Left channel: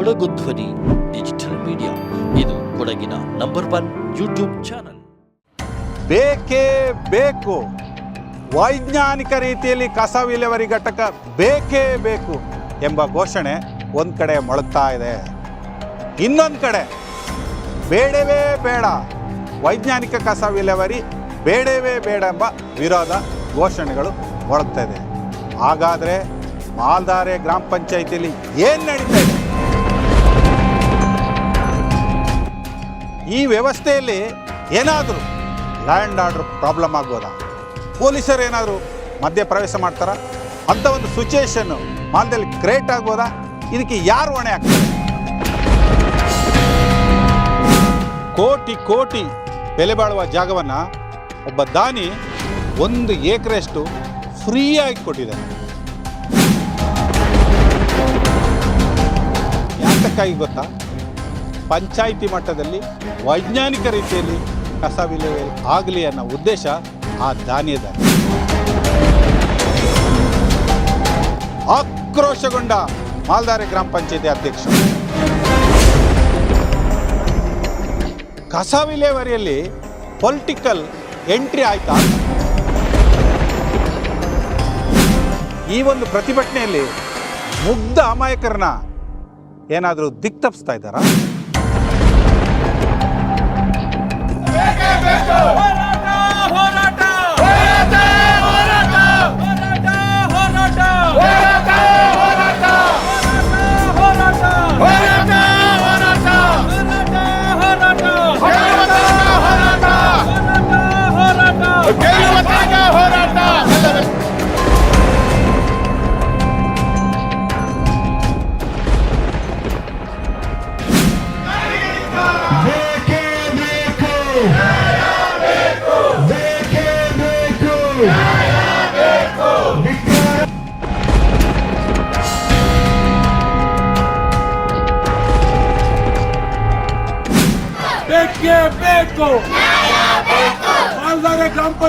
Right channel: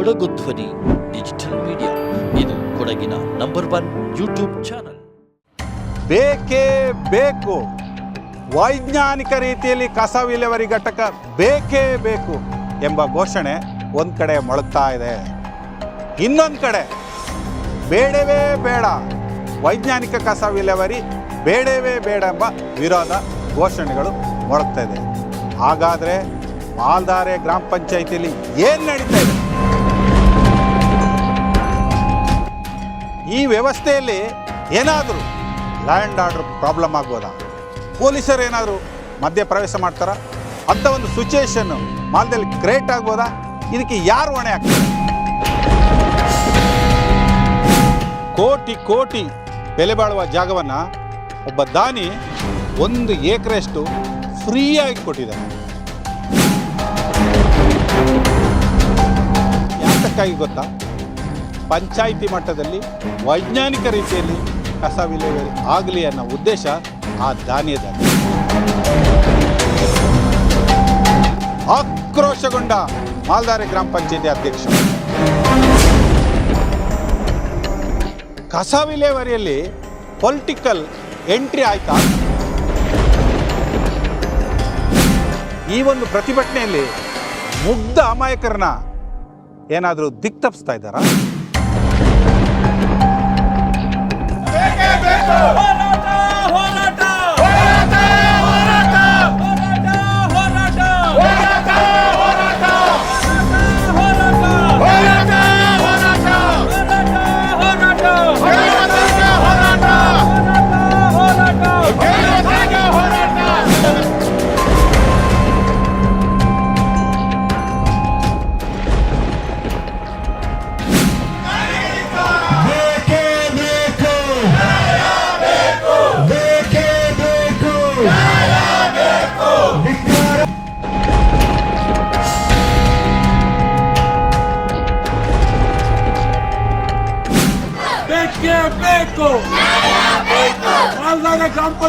ಕೊಡಗು ಧ್ವನಿ, digital media. ಇದು ಕೊಡಗಿನ ನಂಬರ್ ಒನ್ ಯೂಟ್ಯೂಬ್ ಚಾನಲ್. ಬೇಕೇ ಬೇಕು. ವೈಜ್ಞಾನಿಕ ರೀತಿಯಲ್ಲಿ ಕಸ ವಿಲೇವರಿ ಘಟಕ ಬೇಕೇ ಬೇಕು ಎಂಬ ಘೋಷಣೆ ಒಂದು ಕಡೆ ಮೊಳಗ್ತಾ ಇದೆ. ಇನ್ನೊಂದು ಕಡೆ ಬೇಡವೇ ಬೇಡ. ವೈಜ್ಞಾನಿಕ ಕಸ ವಿಲೇವರಿ ಬೇಡವೇ ಬೇಡ ಎಂಬ ವಿರೋಧ ಘೋಷಣೆಗಳು ಮೊಳಗ್ತಾ ಇದೆ. ಹಾಗಾದರೆ ಮಾಲ್ದಾರೆ ಗ್ರಾಮ ಪಂಚಾಯಿತಿಯಲ್ಲಿ ಏನು ನಡೀತಾ ಇದೆ? ಈ ವ್ಯವಸ್ಥೆಯಲ್ಲಿ ಏನಾದರೂ ಲ್ಯಾಂಡ್ ಆರ್ಡರ್ ಪ್ರಾಬ್ಲಮ್ ಆಗ್ಬೋದಾ? ಪೊಲೀಸರು ಏನಾದರೂ ಮಧ್ಯ ಪ್ರವೇಶ ಮಾಡ್ತಾರಾ? ಅಂಥ ಒಂದು ಸಿಚುಯೇಷನ್ನು ಮಾಲ್ದಲ್ಲಿ ಕ್ರಿಯೇಟ್ ಆಗ್ಬೋದಾ? ಇದಕ್ಕೆ ಯಾರು ಹೊಣೆ ಆಗ್ತಾರೆ? ಕೋಟಿ ಕೋಟಿ ಬೆಲೆ ಬಾಳುವ ಜಾಗವನ್ನು ಒಬ್ಬ ದಾನಿ ಒಂದು ಏಕರೆಷ್ಟು ಫ್ರೀಯಾಗಿ ಕೊಟ್ಟಿದ್ದಾನೆ. ಯಾತಕ್ಕಾಗಿ ಗೊತ್ತಾ? ಪಂಚಾಯಿತಿ ಮಟ್ಟದಲ್ಲಿ ವೈಜ್ಞಾನಿಕ ರೀತಿಯಲ್ಲಿ ಕಸ ವಿಲೇವಾರಿ ಆಗಲಿ ಅನ್ನೋ ಉದ್ದೇಶ ಆ ಧಾನ್ಯದ ಆಕ್ರೋಶಗೊಂಡ ಮಾಲ್ದಾರೆ ಗ್ರಾಮ ಪಂಚಾಯತಿ ಅಧ್ಯಕ್ಷ. ಕಸ ವಿಲೇವಾರಿಯಲ್ಲಿ ಪೊಲಿಟಿಕಲ್ ಎಂಟ್ರಿ ಆಯ್ತಾ? ಈ ಒಂದು ಪ್ರತಿಭಟನೆಯಲ್ಲಿ ಮುಗ್ಧ ಅಮಾಯಕರನ್ನ ಏನಾದರೂ ದಿಕ್ತಪ್ಸ್ತಾ ಇದ್ದಾರಾ?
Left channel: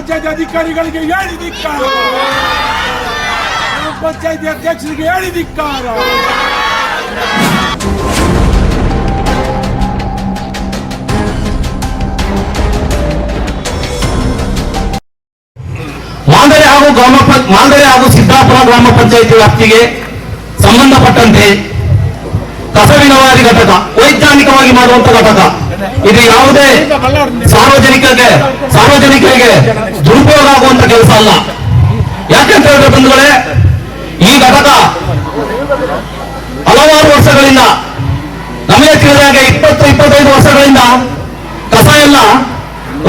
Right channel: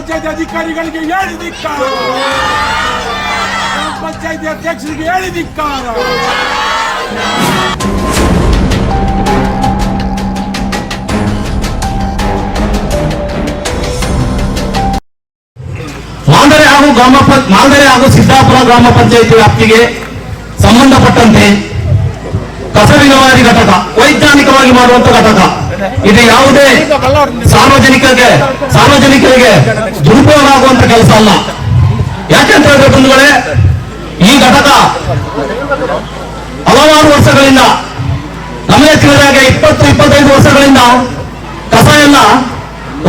ಪಂಚಾಯತ್ ಅಧಿಕಾರಿಗಳಿಗೆ ಹೇಳಿ ಧಿಕ್ಕಾರ. ಗ್ರಾಮ ಪಂಚಾಯತಿ ಅಧ್ಯಕ್ಷರಿಗೆ ಹೇಳಿದಿಕ್ಕಾರ ಮಾಲ್ದರೆ ಹಾಗೂ ಗ್ರಾಮ ಮಾಲ್ದರೆ ಹಾಗೂ ಸಿದ್ದಾಪುರ ಗ್ರಾಮ ಪಂಚಾಯಿತಿ ವ್ಯಾಪ್ತಿಗೆ ಸಂಬಂಧಪಟ್ಟಂತೆ ಕಸ ಘಟಕ, ವೈಜ್ಞಾನಿಕವಾಗಿ ಮಾಡುವಂತ ಘಟಕ. ಇದು ಯಾವುದೇ ಸಾರ್ವಜನಿಕರಿಗೆ ಸಾರ್ವಜನಿಕರಿಗೆ ದುರುಪಯೋಗ ಆಗುವಂತ ಕೆಲಸ ಅಲ್ಲ. ಯಾಕಂತ ಹೇಳಿದ್ರೆ ಬಂಧುಗಳೇ, ಈ ಘಟಕ ಹಲವಾರು ವರ್ಷಗಳಿಂದ, ನಮಗೆ ತಿಳಿದಾಗೆ ಇಪ್ಪತ್ತು, ಇಪ್ಪತ್ತೈದು ವರ್ಷಗಳಿಂದ ಕಸ ಎಲ್ಲ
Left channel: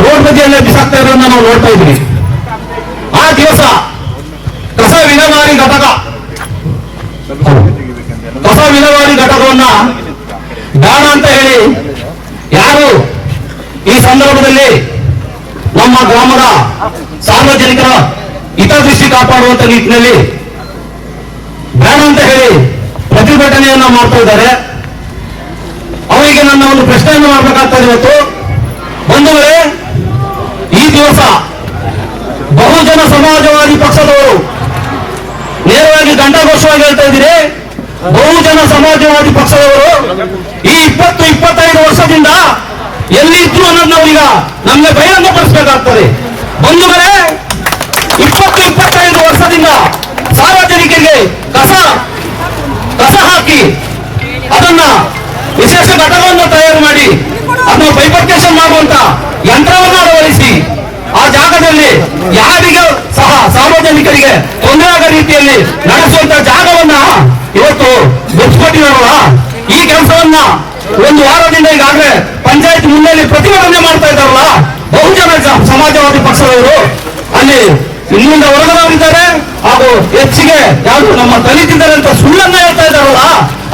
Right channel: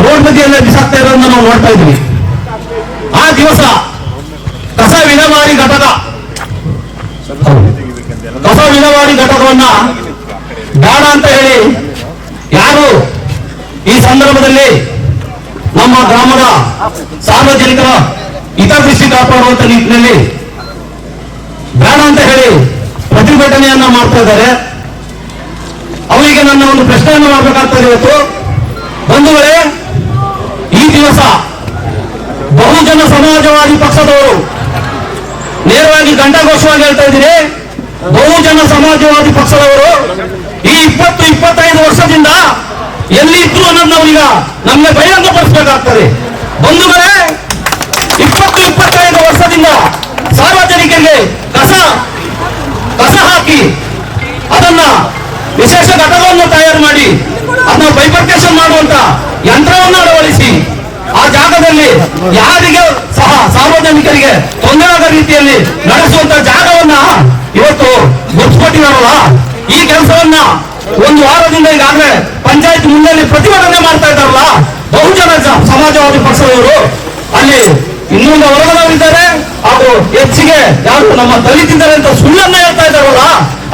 ರೋಡ್ ಬದಿಯಲ್ಲೇ ಬಿಸಾಕ್ತಾ ಇರೋದನ್ನ ನಾವು ನೋಡ್ತಾ ಇದ್ದೀವಿ. ಆ ದಿವಸ ಕಸ ವಿನವಾರಿ ಘಟಕ, ಕಸ ವಿನವಾರಿ ಘಟಕವನ್ನ ಬೇಡ ಅಂತ ಹೇಳಿ ಯಾರು ಈ ಸಂದರ್ಭದಲ್ಲಿ ನಮ್ಮ ಗ್ರಾಮದ ಸಾರ್ವಜನಿಕರ ಹಿತದೃಷ್ಟಿ ಕಾಪಾಡುವಂತ ನಿಟ್ಟಿನಲ್ಲಿ ಬೇಡ ಅಂತ ಹೇಳಿ ಪ್ರತಿಭಟನೆಯನ್ನ ಮಾಡ್ತಾ ಇದ್ದಾರೆ. ಅವರಿಗೆ ನನ್ನ ಒಂದು ಪ್ರಶ್ನೆಯನ್ನು ಮಾಡಬೇಕಾಗ್ತದೆ ಇವತ್ತು. ಬಂಧುಗಳೇ, ಈ ದಿವಸ ಬಹುಜನ ಸಮಾಜವಾದಿ ಪಕ್ಷದವರು ನೇರವಾಗಿ ಗಂಡಘೋಷವಾಗಿ ಹೇಳ್ತಾ ಇದ್ದೀರಿ. ಬಹುಜನ ಸಮಾಜವಾದಿ ಪಕ್ಷದವರು ಈ ಇಪ್ಪತ್ತು, ಇಪ್ಪತ್ತೈದು ವರ್ಷದಿಂದ ಎಲ್ಲಿ ಇದ್ರು ಅನ್ನೋದು ನಾವೀಗ ನಮಗೆ ಬಹಿರಂಗಪಡಿಸಬೇಕಾಗ್ತದೆ ಬಂಧುಗಳೇ, ಇಪ್ಪತ್ತು, ಇಪ್ಪತ್ತೈದು ವರ್ಷದಿಂದ ಸಾರ್ವಜನಿಕರಿಗೆ ಕಸ ಕಸ ಹಾಕಿ ಅದನ್ನ ವಿಶೇಷ ಘಟಕವನ್ನು ತಯಾರು ಮಾಡಿ ಅದನ್ನ ಬೈಪರ್ಕೇಶನ್ ಮಾಡುವಂತ ಯಂತ್ರವನ್ನು ಅಳವಡಿಸಿ ಆ ಜಾಗದಲ್ಲಿ ಯಾರಿಗೆ ಸಹ ಸಾರ್ವಜನಿಕರಿಗೆ ತೊಂದರೆ ಆಗದ ರೀತಿಯಲ್ಲಿ ನಡೆಸುವಂತ ಜಾಗವನ್ನ ಇವತ್ತು ಗೊತ್ತಿಕೊಟ್ಟಿದಾರಲ್ಲ ಈ ಕೆಲಸವನ್ನ ಒಂದು ವಾರದಿಂದ ಈಗಾಗಲೇ ಪಂಚಾಯತ್ ಮುಂದೆ ಪ್ರತಿಭಟನೆ ಮಾಡ್ತಾ ಇದ್ದಾರಲ್ಲ, ಬಹುಜನ ಸಮಾಜವಾದಿ ಪಕ್ಷದವರು. ಅಲ್ಲಿ ಇನ್ನೊಂದು ವರ್ಗದವರಿದ್ದಾರೆ, ಹಾಗೂ ಹೆಚ್ಚಿಗೆ ಯಾರು ನಮ್ಮ ದಲಿತಿದ್ದಾರೆ ಅಂತ ಸುಳ್ಳನ್ನ ಹೇಳ್ತಾ ಇದ್ದಾರಲ್ಲ,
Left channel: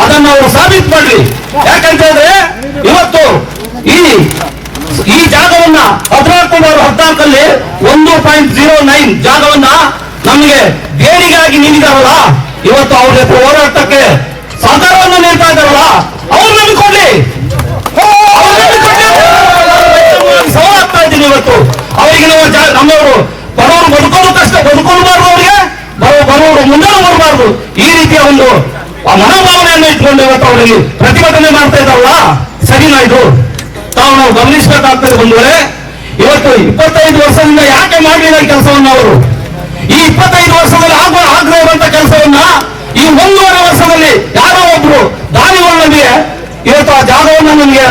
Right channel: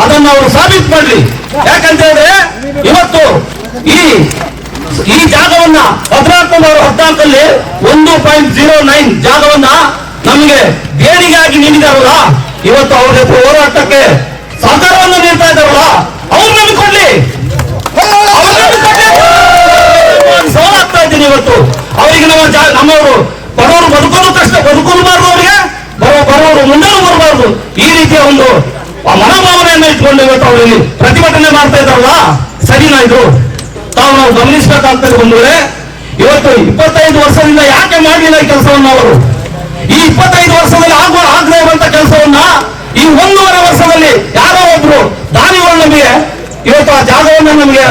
ಅದನ್ನ ಅವರು ಸಾಬೀತು ಮಾಡ್ಲಿ. ಯಾಕಂತ ಹೇಳಿದ್ರೆ, ಇವತ್ತು ಈ ಈ ಜಾಗವನ್ನ ಹದಿನಾಲ್ಕು ನೂರ ಹದಿನಾಲ್ಕಲ್ಲಿ ಒಂದು ಪಾಯಿಂಟ್ ಜೀರೋ ನೈನ್ ಜಾಗವನ್ನ ನಮಗೆ ಆಗಿ ನೀಡಿದಾರಲ್ಲ, ಇವತ್ತು ಅವ್ರ ಜೊತೆ ಹೋರಾಟಕ್ಕೆ ಸಹಕಾರವನ್ನು ನೀಡ್ತಾ ಇದ್ದಾರಲ್ಲ, ಅವ್ರು ನಂಬಿಕೊಳ್ಳಿ ಆಗ್ತಾ ಇದ್ದೀನಿ ಇವತ್ತು. ಅವರಿಗೆ ನಮ್ಮ ನಮ್ಮವರು ಬಡವರು ಬದುಕೋದು ಕಷ್ಟ ಬದುಕೊಳ್ಬಾರ್ದು ಅವರಿಗೆ. ಬರೋ ಬರೋರು ಮುಂದೆ ಬರಬಾರ್ದು. ಈ ರೀತಿಯ ಒಂದು ಮನೋಭಾವನೆಯನ್ನು ಇಟ್ಕೊಂಡು ಇವತ್ತು ಅವರಿಗೆ ಪ್ರತಿಭಟನೆ ಮಾಡ್ತಾ ಇದ್ದಾರಲ್ಲ, ಸರಿನಾ ಇದು? ತಾವು ನಾವು ಗಮನಿಸಬೇಕಾಗ್ತದೆ ಬಂದ್ರೆ ಇವತ್ತು ಇಪ್ಪತ್ತೈದು ವರ್ಷದಿಂದ ಯಾಕೆ ಮಾಡಲಿಲ್ಲ ಕೆಲಸವನ್ನ ಅವರು? ಈ ಇಪ್ಪತ್ತೈದು ವರ್ಷದಲ್ಲಿ ಆಗುವ ಆಗ್ರಹ ಇರುವಂತ ಕೆಲಸವನ್ನ ಈ ಒಂದೂವರೆ ವರ್ಷದಲ್ಲಿ ಯಾರೋ ಒಬ್ರು ದಾನಿಗಳು ನಮಗೆ ಇವತ್ತು ಆ ಜಾಗವನ್ನು ನಮಗೆ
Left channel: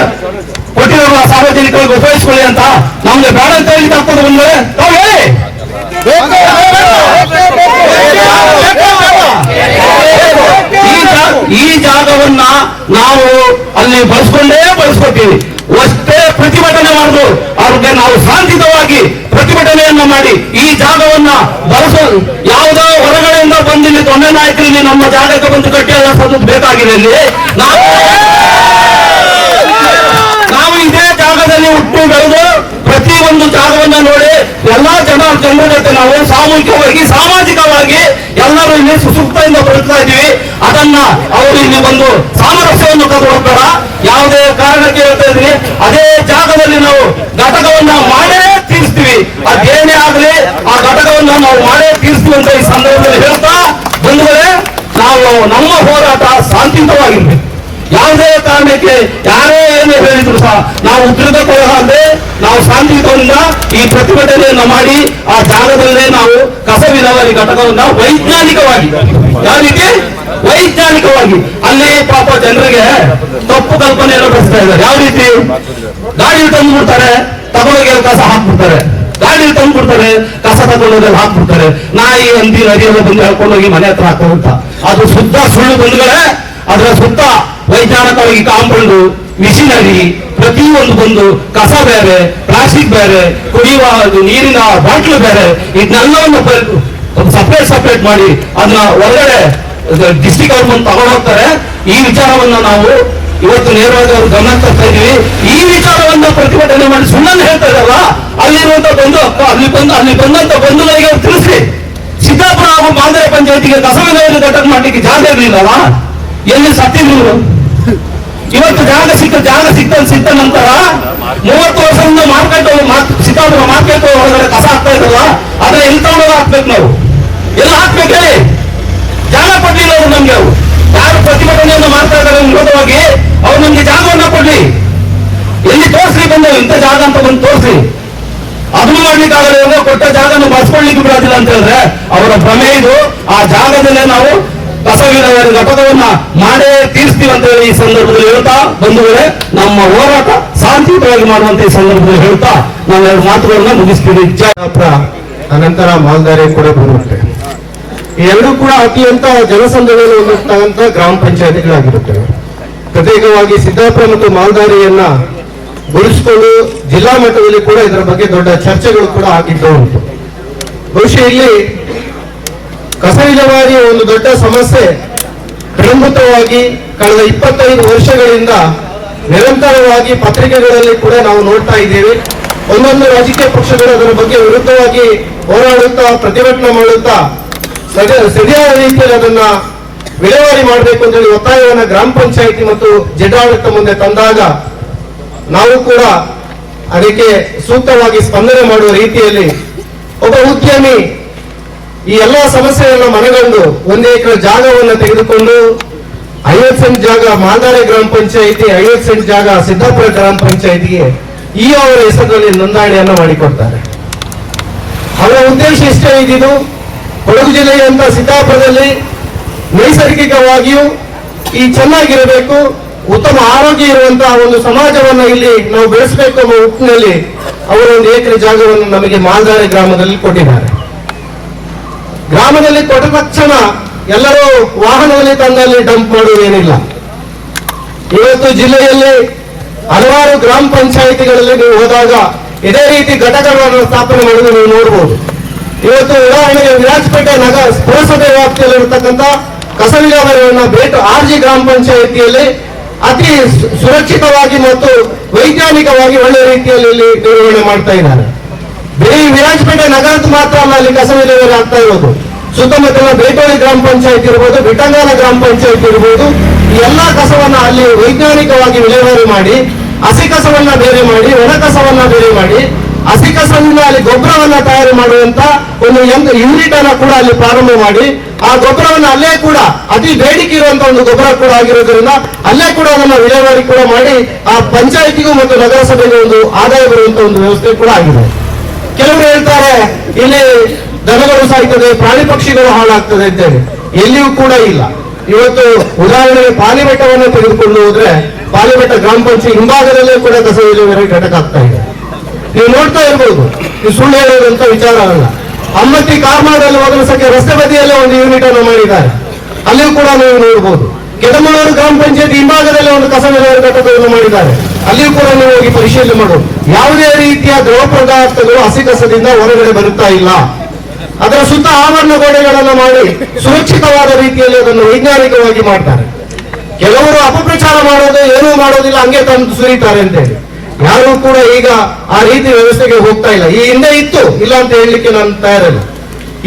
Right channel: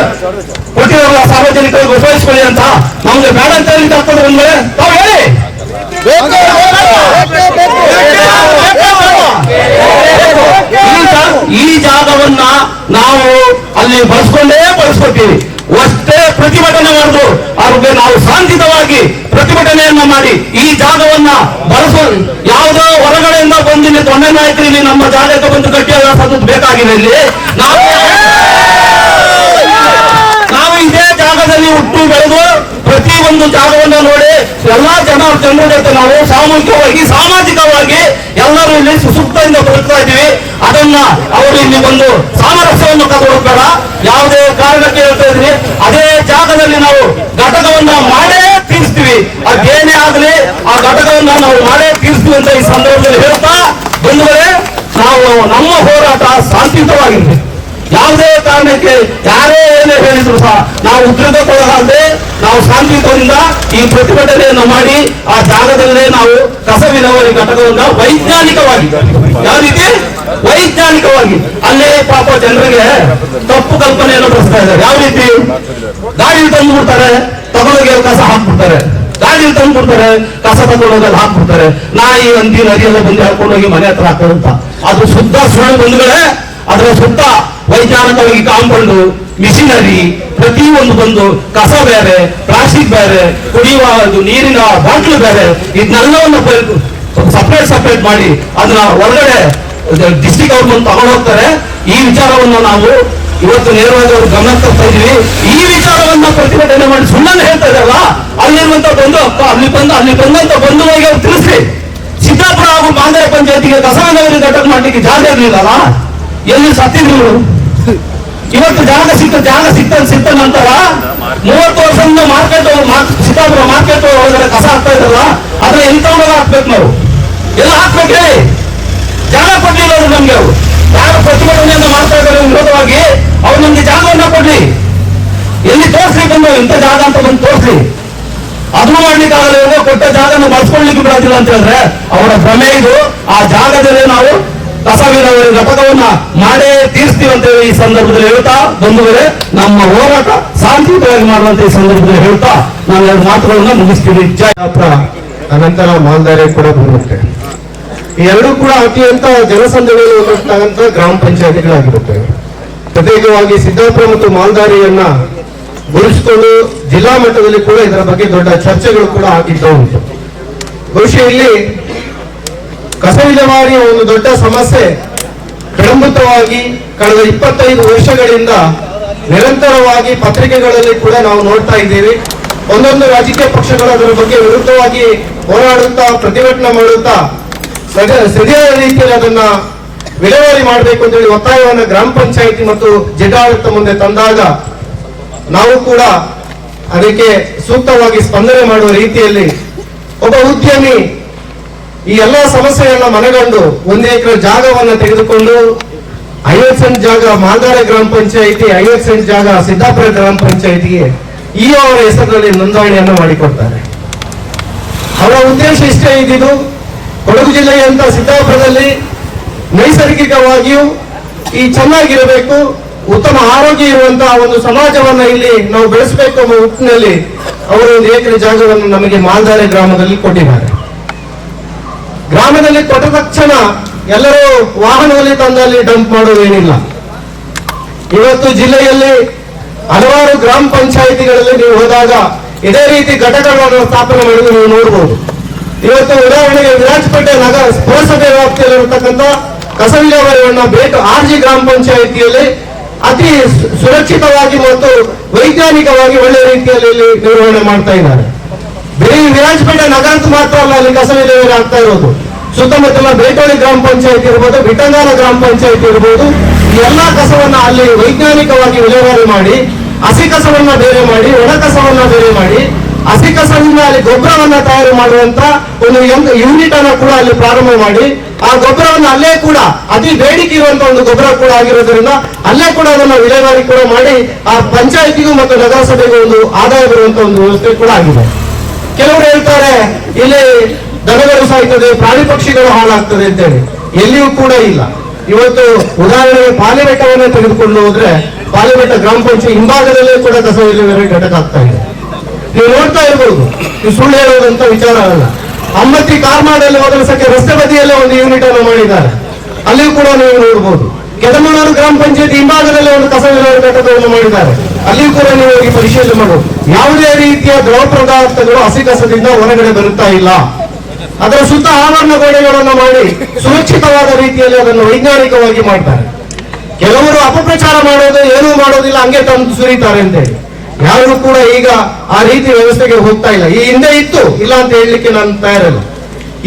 ಕೊಟ್ಟಿರಲ್ಲ ಸಾರ್ವಜನಿಕರಿಗೆ ಉಪಯೋಗಿಸ್ಕೊಳ್ಳಿ ಅಂತ ನಮ್ಗೆ ಬೇಡ ಅಂತ ಹೇಳಿ ಆಗ್ತದೆ ಬಂದ್ರೆ ಹೇಳಿ. ಈ ಜಾಗವನ್ನ ನಾವು ಅಲ್ಲಿ ಬಳಸ್ಕೊಂಡೇ ಬಳಸ್ಕೊತೀವಿ ಅಷ್ಟೇ ಪ್ರತಿಭಟನೆ ಮಾಡುದು ಅದಕ್ಕೆ ನಾವು ಶಾಂತಿತವಾಗಿ ಪ್ರತಿಭಟನೆಯನ್ನು ಮಾಡಿ ಈ ಜಾಗವನ್ನ ಬಳಸೋ ಯಾವುದೋ ಹೊರಗಡೆಯಿಂದ ಬಂದು ದೊಣ್ಣೆ ಇಲ್ಲಿ ನಮ್ಮ ಜಾಗಕ್ಕೆ ಬಂದು ಕಟ್ಟಿ ಅಲ್ಲ ಸದ್ದು ಬೇಕಾಗಿದೆ ಇಲ್ಲಿ. ನಾವು ನಾವು ಇದೇ ಜಾಗದಲ್ಲಿ ಹುಟ್ಟು ಬೆಳೆದು ಪ್ರತಿ ಒಂದು ಜಾಗವನ್ನ ನೋಡಿ ಎಲ್ಲಾ ಜನ ಜನರ ಜೊತೆ ನಾವು ಸಾಮೂಹಿಕವಾಗಿ, ಸಾಮಾಜಿಕವಾಗಿ ಎಲ್ಲರೂ ಇಲ್ಲಿ ಸುಸೂಕ್ತದಿಂದ ಬದುಕ್ತಾ ಇದ್ದೀವಿ. ಅದನ್ನ ಅವರು ಇಲ್ಲಿ ಬಂದು ಸಾಮರಸ್ಯವನ್ನು ತಗೊಳ್ಬೇಡ ಯಾವುದೇ ಕಾರಣಕ್ಕೆ ಹೇಳ್ತಾ ಇದ್ವಿ ಅದೇ ಜಾಗದಲ್ಲಿ ನಾವು ಘಟಕವನ್ನ ಮಾಡೇ ತೀರಿಸ್ತೀವಿ. ಅದೇನೇ ಆಗಲಿ, ಆ ಘಟಕವನ್ನ ನಾವು ಮಾಡೇ ತೀರಿಸ್ತೀವಿ ಅಂತ ಈ ಸಂದರ್ಭದಲ್ಲಿ ಹೇಳ್ತಾ ಬಂಧುಗಳೇ, ನಾವು ನಮ್ಮ ಹೋರಾಟ ಶಾಂತಿಯುತವಾಗಿರ್ಬೇಕು. ಯಾವುದೇ ಕಾರಣಕ್ಕೆ ಯಾರೇ ಏನೇ ಹೇಳಿದ್ರು ಸಹ ನಾವು ಉದ್ರಿದಕ್ಕೊಳಗಾಗದೆ ನಾವು ಶಾಂತಿಯುತದಿಂದ ಈ ಪ್ರತಿಭಟನೆಯನ್ನು ಮಾಡಿ ಆ ಜಾಗದಲ್ಲೇ ನಾವು ಕಸ ವಿಲೇವಾರಿ ಘಟಕವನ್ನ ವೈಜ್ಞಾನಿಕವಾಗಿ, ಯಾವ ರೀತಿ? ವೈಜ್ಞಾನಿಕವಾಗಿ. ಅಲ್ಲೇ ಪಾಪ ಜನರಿಗೆ ತಪ್ಪು ಕಲ್ಪನೆಯನ್ನು ಬರೆಸ್ತಾ ಇದ್ದಾರೆ. ಯಾವ ರೀತಿ? ಗಾಡಿ ತಂದು ಬಿಡ್ತಾರೆ ತಗೊಂಡೋಗಿ ಕಸ ಹಾಕ್ಬಿಡ್ತಾರೆ. ಗಾಡಿ ತಂದು ಬಿಡ್ತಾರೆ ಕಸ ತಗೊಂಡೋಗಿ ಹಾಕ್ಬಿಡ್ತಾರೆ. ನಾಯಿ ಹಂದಿ ನದಿಯೆಲ್ಲ ಬಂದು ಹಾಕೊಂಡೋಗಿ ಮನೆ ಹತ್ರ ಹಾಕೋ ಅಂತ ಅದು ಶುದ್ಧ ಸುಳ್ಳು ಬಂಧುಗಳೇ, ಅದರ ಸುತ್ತ ವೈಜ್ಞಾನಿಕವಾಗಿ ಕಾಂಪೌಂಡು, ಮಿಷಿನರಿ, ಪ್ರತಿಯೊಂದು ಬಂದು ಕಸ ಬೇರೆ, ಪ್ಲಾಸ್ಟಿಕ್ ಬೇರೆ, ಕುಡಿಯುವ ಅದು ನೀರಿನ ಬಾಟ್ಲು ಬೇರೆ, ಇದನ್ನೆಲ್ಲವನ್ನು ಸಪ್ರೇಟ್ ಸಪ್ರೇಟ್ ಮಾಡಿ ಅದನ್ನ ಹೊರಗಡೆ ಡಿಸ್ಟಿಕ್ ಗೌರ್ಮೆಂಟ್ ತಗೊಂಡು ಹೋಗ್ತಾರೆ. ಈ ವಿಚಾರವನ್ನ ನಾವು ಇವತ್ತು ನೇರವಾಗಿ ಅವ್ರ ಗಮನ ತರ್ತಾ ಇದೀವಿ ಈ ವಿಚಾರವನ್ನ ಪ್ರತಿಭಟನೆ ಮಾಡಿ ಸುಳ್ಳನ್ನು ಹೇಳ್ತಾ ಇದಾರಲ್ಲ ಅಲ್ಲಿರುವಂತ ಬಂಧು ಅಲ್ಲಿ ಬಂದು, ಅಲ್ಲಿ ಬಂದಂತ ಬಂಧುಗಳಿಗೆ ಅವ್ರು ತಿಳಿಸ್ರಿ. ಸಿದ್ದಾಪುರ ಹಾಗೂ ಮಾಂದರೆ ಪಂಚಾಯತಿಗೆ ಕಸವಿನವರಿಗೆ ಘಟಕ ಮಾಡ್ಲಿಕ್ಕೆ ಜಾಗ ಇರಲಿಲ್ಲ ಎಲ್ಲಿ ಸತ್ತಿದ್ರು? ಇವತ್ತು ಜಾಗ ಸಿಕ್ಕ ಜಾಗ ಸಿಕ್ತ ಸಿಕ್ಕ ನಂತರ ಮೂವತ್ತು ವರ್ಷದಿಂದ ಮಾರ್ಕೆಟ್ ಸಿದ್ದಾಪುರ ಮಾರ್ಕೆಟ್ ಒಳಗಡೆ ಕಸ ಆಗ್ತಾ ಇದ್ರಲ್ಲ ಅದ್ರ ತಗೊಂಡೋಗಿ ಹಾಕ್ಬೇಕು ನಾವು? ಎಲ್ಲ ಹಾಕ್ಬೇಕು ಹೇಳಿ. ಜಾಗ ಕೊಡ್ಲಿಲ್ಲ ಅವರು ನಮ್ಗೆ ಅವರು. ಯಾರು ಪ್ರತಿಭಟನೆಯನ್ನು ಮಾಡ್ತಾ ಇದ್ದಾರೆ ವಿರೋಧವಾಗಿ, ಅವ್ರು ನಮ್ಗೆ ಜಾಗವನ್ನ ಕೊಡ್ಲಿ. ಎಲ್ಲಿ ತೋರ್ಸ್ರಿ ಬಂದು, ಇಂಥ ಜಾಗ ಅಂತ ಬಂದು ತೋರ್ಸ್ರಿ. ಅದನ್ನು ಮಾಡ್ಲಿಕ್ಕೆ ಆಗಲ್ಲ ಕೊಟ್ಟ ಜಾಗನ ಬಳಸ್ಕೊಳ್ಲಿಕ್ಕೆ ಬಿಡೋದಿಲ್ಲ ಅಂತ ಹೇಳಿದ್ರೆ, ಅವರ ಭ್ರಮೆ ಇದು. ಆ ಜಾಗದಲ್ಲೇ ನಾವು ಕಸ ವಿಲೇವಾರಿ ಘಟಕವನ್ನ ಮಾಡೇ ತೀರಿಸ್ತೀವಿ ಅಂತ ಹೇಳಿ ಈ ಸಂದರ್ಭದಲ್ಲಿ ಹೇಳ್ತಾ ಬಂಧುಗಳೇ, ನಮ್ಮ ಹೋರಾಟ ಶಾಂತಿಯುತವಾಗಿ ಮಾಡುವಂತ ಈ ಸಂದರ್ಭದಲ್ಲಿ ಹೇಳ್ತಾ ನಾನು ಎರಡು ಮಾತುಗಳನ್ನ ಸಿದ್ದಾಪುರ ಅನಂತರ ಮಾಲ್ದಾರಿ ಕೂಡ ಬರುತ್ತೆ. ಎಲ್ಲರೂ ಕೂಡ ಅತ್ಯಂತ ಜನಸಂದಣಿಯಲ್ಲಿ ಹೊಂದಿರ್ತಕ್ಕಂಥ ಗ್ರಾಮ ಪಂಚಾಯತಿಗಳಾಗಿರುತ್ತವೆ ಪ್ರತ್ಯೇಕವಾಗಿ ಸಿದ್ದಾಪುರ ಮತ್ತು ಮಾಲ್ದಾರಿಯನ್ನ ಗುರುಸ್ಕೊಂಡು ಜಿಲ್ಲಾ ಮಟ್ಟದಲ್ಲಿ ಕೂಡ ಇದರ ಬಗ್ಗೆ ದೊಡ್ಡ ಚರ್ಚೆಗಳು ಕೂಡ ಆಗಿದ್ದು ಉಂಟು. ಬಹುಶಃ ಇಲ್ಲಿ ಕಸ ವಿಲೇವಾರಿಯ ಒಂದು ದೊಡ್ಡ ಸಮಸ್ಯೆ. ಪ್ರಮುಖವಾಗಿ ಕಳೆದ ಇಪ್ಪತ್ತೈದು ವರ್ಷಗಳಿಂದ ನಿರಂತರವಾಗಿ ಪತ್ರಿಕೆಗಳಲ್ಲಿ ಕೂಡ ನಾವು ನೋಡ್ತಾ ಇದ್ದೀವಿ. ಒಂದೊಂದು ರಾಜಕೀಯ ಪಕ್ಷಗಳು ಅದರ ಬಗ್ಗೆ ವಿರುದ್ಧವಾಗಿ ಹೋರಾಡುತ್ತಾ, ಪ್ರತಿಭಟನೆ ಮಾಡುತ್ತಾ ಸರಿಯ- ಸರಿಯಾದ ರೀತಿಯಲ್ಲಿ ಅದನ್ನ ವಿಲೇವಾರಿ ಮಾಡಬೇಕು ಅಂತ ಹೇಳಿ ಒತ್ತಾಯವನ್ನು ಗ್ರಾಮ ಪಂಚಾಯಿತಿ ಮತ್ತು ಜಿಲ್ಲಾಡಳಿತ ಮುಂದೆ ತಂದಾಗ ನಾವು ಕೂಡ ಅದಕ್ಕೆ ಸೂಕ್ತವಾಗಿ ಸ್ಪಂದನೆ ಮಾಡುವ ರೀತಿಯಲ್ಲಿ ಒಬ್ಬ ಉದ್ಯಮಿ ಈ ಎಲ್ಲಾ ಸಮಸ್ಯೆಗಳನ್ನ ಮನಗಂಡು ಒಂದು ಎಕರೆ ಜಾಗವನ್ನು ತೆಗೆದುಕೊಂಡು ಐವತ್ತು ಸೆಂಟ್ ಜಾಗ ಮಾಲ್ದಾರೆ ಗ್ರಾಮ ಪಂಚಾಯಿತಿ, ಐವತ್ತು ಸೆಂಟ್ ಜಾಗ ಸಿದ್ದಾಪುರ ಗ್ರಾಮ ಪಂಚಾಯಿತಿಗೆ ಈ ಅವರ ಹೆಸರಿನಲ್ಲಿ ನೋಂದಣಿಯನ್ನು ಮಾಡಿಕೊಡ್ತಾರೆ. ಅವರ ಉದ್ದೇಶ ಇಷ್ಟೇ ಇದ್ದಿದ್ದು, ಕೊಡಗು ಜಿಲ್ಲೆಯಂತ ಸಿದ್ದಾಪುರದಲ್ಲಿ ನೈಸರ್ಗಿಕವಾಗಿಯೂ ಈ ಚೆನ್ನಾಗಿರಬೇಕು, ಉತ್ತಮ ಆರೋಗ್ಯ ಇರುವಂತಹ ಒಂದು ಸಮಾಜವನ್ನ ಇಲ್ಲಿ ನಾವು ಬೆಳೆಸಬೇಕು ಅನ್ನೋ ನಿಟ್ಟಿನಲ್ಲಿ ಅವರು ಒಂದು ಎಕರೆ ಜಾಗವನ್ನು ನಮಗೆ ಮಾಲ್ದಾರೆ ಗ್ರಾಮದಲ್ಲಿ ಕೊಟ್ಟಿದ್ದಾರೆ. ಗ್ರಾಮದಲ್ಲಿ ಕೊಟ್ಟ ತಕ್ಷಣ ಎಲ್ಲರೂ ವಾಹನದಲ್ಲಿ ತಂದಲ್ಲಿ ಡಂಪ್ ಮಾಡುವುದೇನಿಲ್ಲ ಇವತ್ತು ಜಿಲ್ಲೆಯಲ್ಲಿ ಹಲವಾರು ಗ್ರಾಮ ಪಂಚಾಯಿತಿಗಳಲ್ಲಿ ನೀವು ಹೋದಾಗ ಇದೇ ರೀತಿ ಘಟಕಗಳನ್ನು ಸ್ಥಾಪನೆ ಮಾಡೋದು ನೀವು ನೋಡಬಹುದು ಇವತ್ತು ಉದಾಹರಣೆಗೆ ವಿರಾಜಪೇಟೆ ನಗರ ಪುರಸಭೆ ವ್ಯಾಪ್ತಿಯಲ್ಲಿರತಕ್ಕಂಥ ಕಸ ವಿಲೇವಾರಿಯನ್ನ ಬೇಟು ಆರ್ ಜಿ ಗ್ರಾಮ ಪಂಚಾಯಿತಿಯಲ್ಲಿ ಅತಿ ಸುರಕ್ಷಿತವಾಗಿ ಮತ್ತು ವೈಜ್ಞಾನಿಕವಾಗಿ ಒಳ್ಳೆ ರೀತಿಯಲ್ಲಿ ಇಲ್ಲಿ ನಿರ್ವಹಣೆ ಮಾಡ್ತಾ ಇದ್ದಾರೆ. ಬರೀ ವಿರಾಜಪೇಟೆ ನಗರದ ಮಾತ್ರ ಅಲ್ಲ, ಅಲ್ಲಿ ಕಸ ವಿಲೇವಾರಿ ಆಗ್ತಾ ಇರೋದು. ಸುತ್ತಮುತ್ತಲ ಬೇಟೋಳಿ ಗ್ರಾಮ ಪಂಚಾಯತ್ ಇರ್ಬೋದು ಬಿಟಂಗಾಲ ಗ್ರಾಮ ಪಂಚಾಯತ್ ಇರ್ಬೋದು, ಈ ಎಲ್ಲಾ ಕಸವನ್ನ ಅಲ್ಲಿ ವೈಜ್ಞಾನಿಕವಾಗಿ ವಿಲೇವಾರಿ ಮಾಡಿ, ಹಸಿ ಕಸವನ್ನ ಬೇರೆ ಮಾಡಿ, ಒಣ ಕಸವನ್ನ ಬೇರೆ ಮಾಡಿ, ಹಸಿ ಕಸದಿಂದ ಅಲ್ಲಿ ಗೊಬ್ಬರವನ್ನ ತಯಾರು ಮಾಡುವಂತ ಒಂದು ಯೂನಿಟ್ ಅನ್ನ ಕೂಡ ಅಲ್ಲಿ ಪ್ರಾರಂಭ ಮಾಡಿ, ಆ ಗೊಬ್ಬರವನ್ನ ಅಲ್ಲೇ ಕೂಡ, ಅತಿ ಬೇಡಿಕೆ ಇರುವಂತ ಒಂದು ಗೊಬ್ಬರ ಕೂಡ ಆಗಿರೋದ್ರಿಂದ ಅಲ್ಲೇ ಕೂಡ ಅದನ್ನ ವಿಲೇವಾರಿ ಕೂಡ ಮಾಡಿ, ಆ ಪಂಚಾಯತಿಗೂ ಮತ್ತು ನಗರಸಭೆಗೂ ಒಂದು ಆದಾಯ ಬರುವಂತ ಒಂದು ವ್ಯವಸ್ಥೆ ಕೂಡ ಆಗಿದೆ. ಕೆಲವರು ಹೇಳ್ತಾರೆ, ಇಲ್ಲಿ ದನಗಳು ಸಾಯ್ತದೆ, ಪ್ರಾಣಿ ಪಕ್ಷಿಗಳು ಹಾಳಾಗ್ತದೆ ಅಂತೇಳಿ. ಎಲ್ಲಿಯೂ ಕೂಡ ಇಲ್ಲ. ಇವತ್ತು ಉದಾಹರಣೆಗೆ ಪಾಲಿಬೆಟ್ಟವನ್ನೇ ತೆಗೆದುಕೊಂಡು ಹೋದ್ರೆ, ಪಾಲಿಬೆಟ್ಟ ಗ್ರಾಮ ಪಂಚಾಯತ್ ಹಿಂಭಾಗದಲ್ಲೇ ಕೂಡ ಕಸ ವಿಲೇವಾರಿ ಘಟಕ ಆಗ್ತಾ ಇದೆ. ನೀವು ನೋಡ್ತಾ ಇರ್ಬೋದು, ನೀವು ಸುಳ್ಳು ಹೇಳುವುದಂತ ವಿಚಾರ ಅಲ್ಲ. ಅಮ್ಮತ್ತಿ ಕಾರ್ಮಾಡಲ್ಲಿ ಒದಗಿಸಕ್ಕೆ ರಸ್ತೆ ಬದಿಯಲ್ಲೇ ಒಂದು ಯೂನಿಟ್ ಅನ್ನು ಮಾಡಿದ್ದಾರೆ. ಅಲ್ಲಿಯೂ ಕೂಡ ನೀವು ನೋಡ್ಬೋದು. ಕೆದಮಳೂರು ಗ್ರಾಮ ಪಂಚಾಯತ್ ಹಿಂಭಾಗದಲ್ಲೇ ಒಂದು ಕಸ ವಿಲೇವಾರಿ ಘಟಕವನ್ನು ಮಾಡಿದ್ದಾರೆ. ಅಲ್ಲಿಯೂ ಕೂಡ ನೀವು ಹೋಗಿ ಪರಿಶೀಲನೆ ಮಾಡು. ಯಾವುದೇ ರೀತಿಯ ದ್ರವ ಪದಾರ್ಥಗಳು ಹಸಿ ಕಸದಿಂದ ಹೊರಗಡೆ ಬರುತ್ತಾ ಇಲ್ಲ. ಅದರ ಸುತ್ತ ಆವರಣ ಗೋಡೆಗಳನ್ನು ಮಾಡಿ ಸುರಕ್ಷಿತವಾದ ರೀತಿಯಲ್ಲಿ ಅದನ್ನು ವೈಜ್ಞಾನಿಕವಾಗಿ ಮಾಡ್ತಾರೆ. ಕೆಲವರು ಅಪಪ್ರಚಾರ ಮಾಡೋದು, ಏನೂ ಮಾಡೋದಿಲ್ಲ, ಹಂಗೆ ತಂದು ಸುರಿತಾರೆ ಅಂತ ಹೇಳಿ. ಯಾರು ಕೂಡ ಈಗ ಆ ರೀತಿ ವ್ಯವಸ್ಥೆಗೆ ಹೋಗ್ತಾ ಇಲ್ಲ. ಈ ಹಿಂದೆ ಇತ್ತು, ಇಲ್ಲ ಅಂತ ಹೇಳಲಿಕ್ಕೆ ನಾನು ತಯಾರಿಲ್ಲ.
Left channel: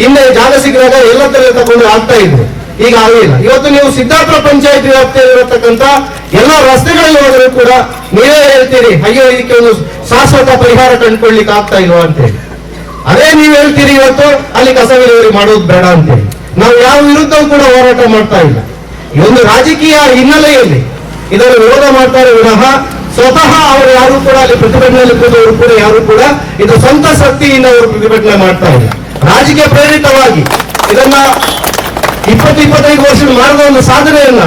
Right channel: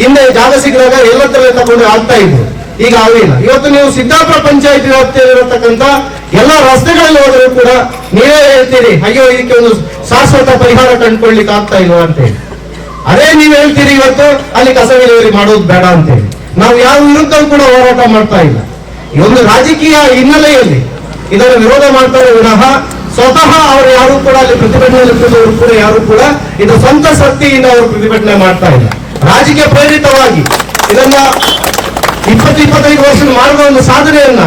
ಹಿಂದೆ ಜಾಗ ಸಿಕ್ಕಿದಾಗ ಎಲ್ಲದರಲ್ಲೇ ತಗೊಂಡು ಆಗ್ತಾ ಇದ್ರು. ಈಗ ಆಗಲಿಲ್ಲ ಇವತ್ತು ನೀವು ಸಿದ್ದಾಪುರ ಪಂಚಾಯತ್ ವ್ಯಾಪ್ತಿಯಲ್ಲಿರತಕ್ಕಂತ ಎಲ್ಲ ರಸ್ತೆಗಳಲ್ಲಿ ಹೋದರೂ ಕೂಡ ನೀವೇ ಹೇಳ್ತೀರಿ ಅಯ್ಯೋ ಇದಕ್ಕೆ ಒಂದು ಶಾಶ್ವತ ಪರಿಹಾರ ಕಂಡುಕೊಳ್ಳಿಕ್ಕೆ ಆಗ್ತಾ ಇಲ್ವಾ? ಅಂತೇಳಿ ಅದೇ ನೀವು ಹೇಳ್ತೀರಿ ಇವತ್ತು, ಅಲ್ಲಿ ಕಸ ವಿಲೇವಾರಿ ಮಾಡೋದು ಬೇಡ ಅಂತೇಳಿ ನಾವು ಯಾವ ವಿರುದ್ಧ ಕೂಡ ಹೋರಾಟ ಮಾಡ್ತಾ ಇಲ್ಲ. ಈ ಒಂದು ರಾಜಕೀಯ ಹಿನ್ನೆಲೆಯಲ್ಲಿ ಇದನ್ನು ವಿರೋಧ ಮಾಡ್ತಾರೆ ವಿನಃ ಸ್ವತಃ ಅವರು ಯಾರು ಕೂಡ ಅಲ್ಲಿ ಪ್ರತಿಭಟನೆ ಕೂತವರು ಕೂಡ ಯಾರು ಕೂಡ ಇದು ಸ್ವಂತ ಶಕ್ತಿಯಿಂದ ಅವರು ಪ್ರತಿಭಟನೆ ಮಾಡ್ತಾ ಇಲ್ಲ. ರಾಜಕೀಯ ಪ್ರೇರಿತವಾಗಿ ಇದನ್ನ ಇಪ್ಪತ್ತು ಇಪ್ಪತ್ತೈದು ವರ್ಷ ಮಾಡಿದ ಒಂದು ಸಾಧನೆಯನ್ನ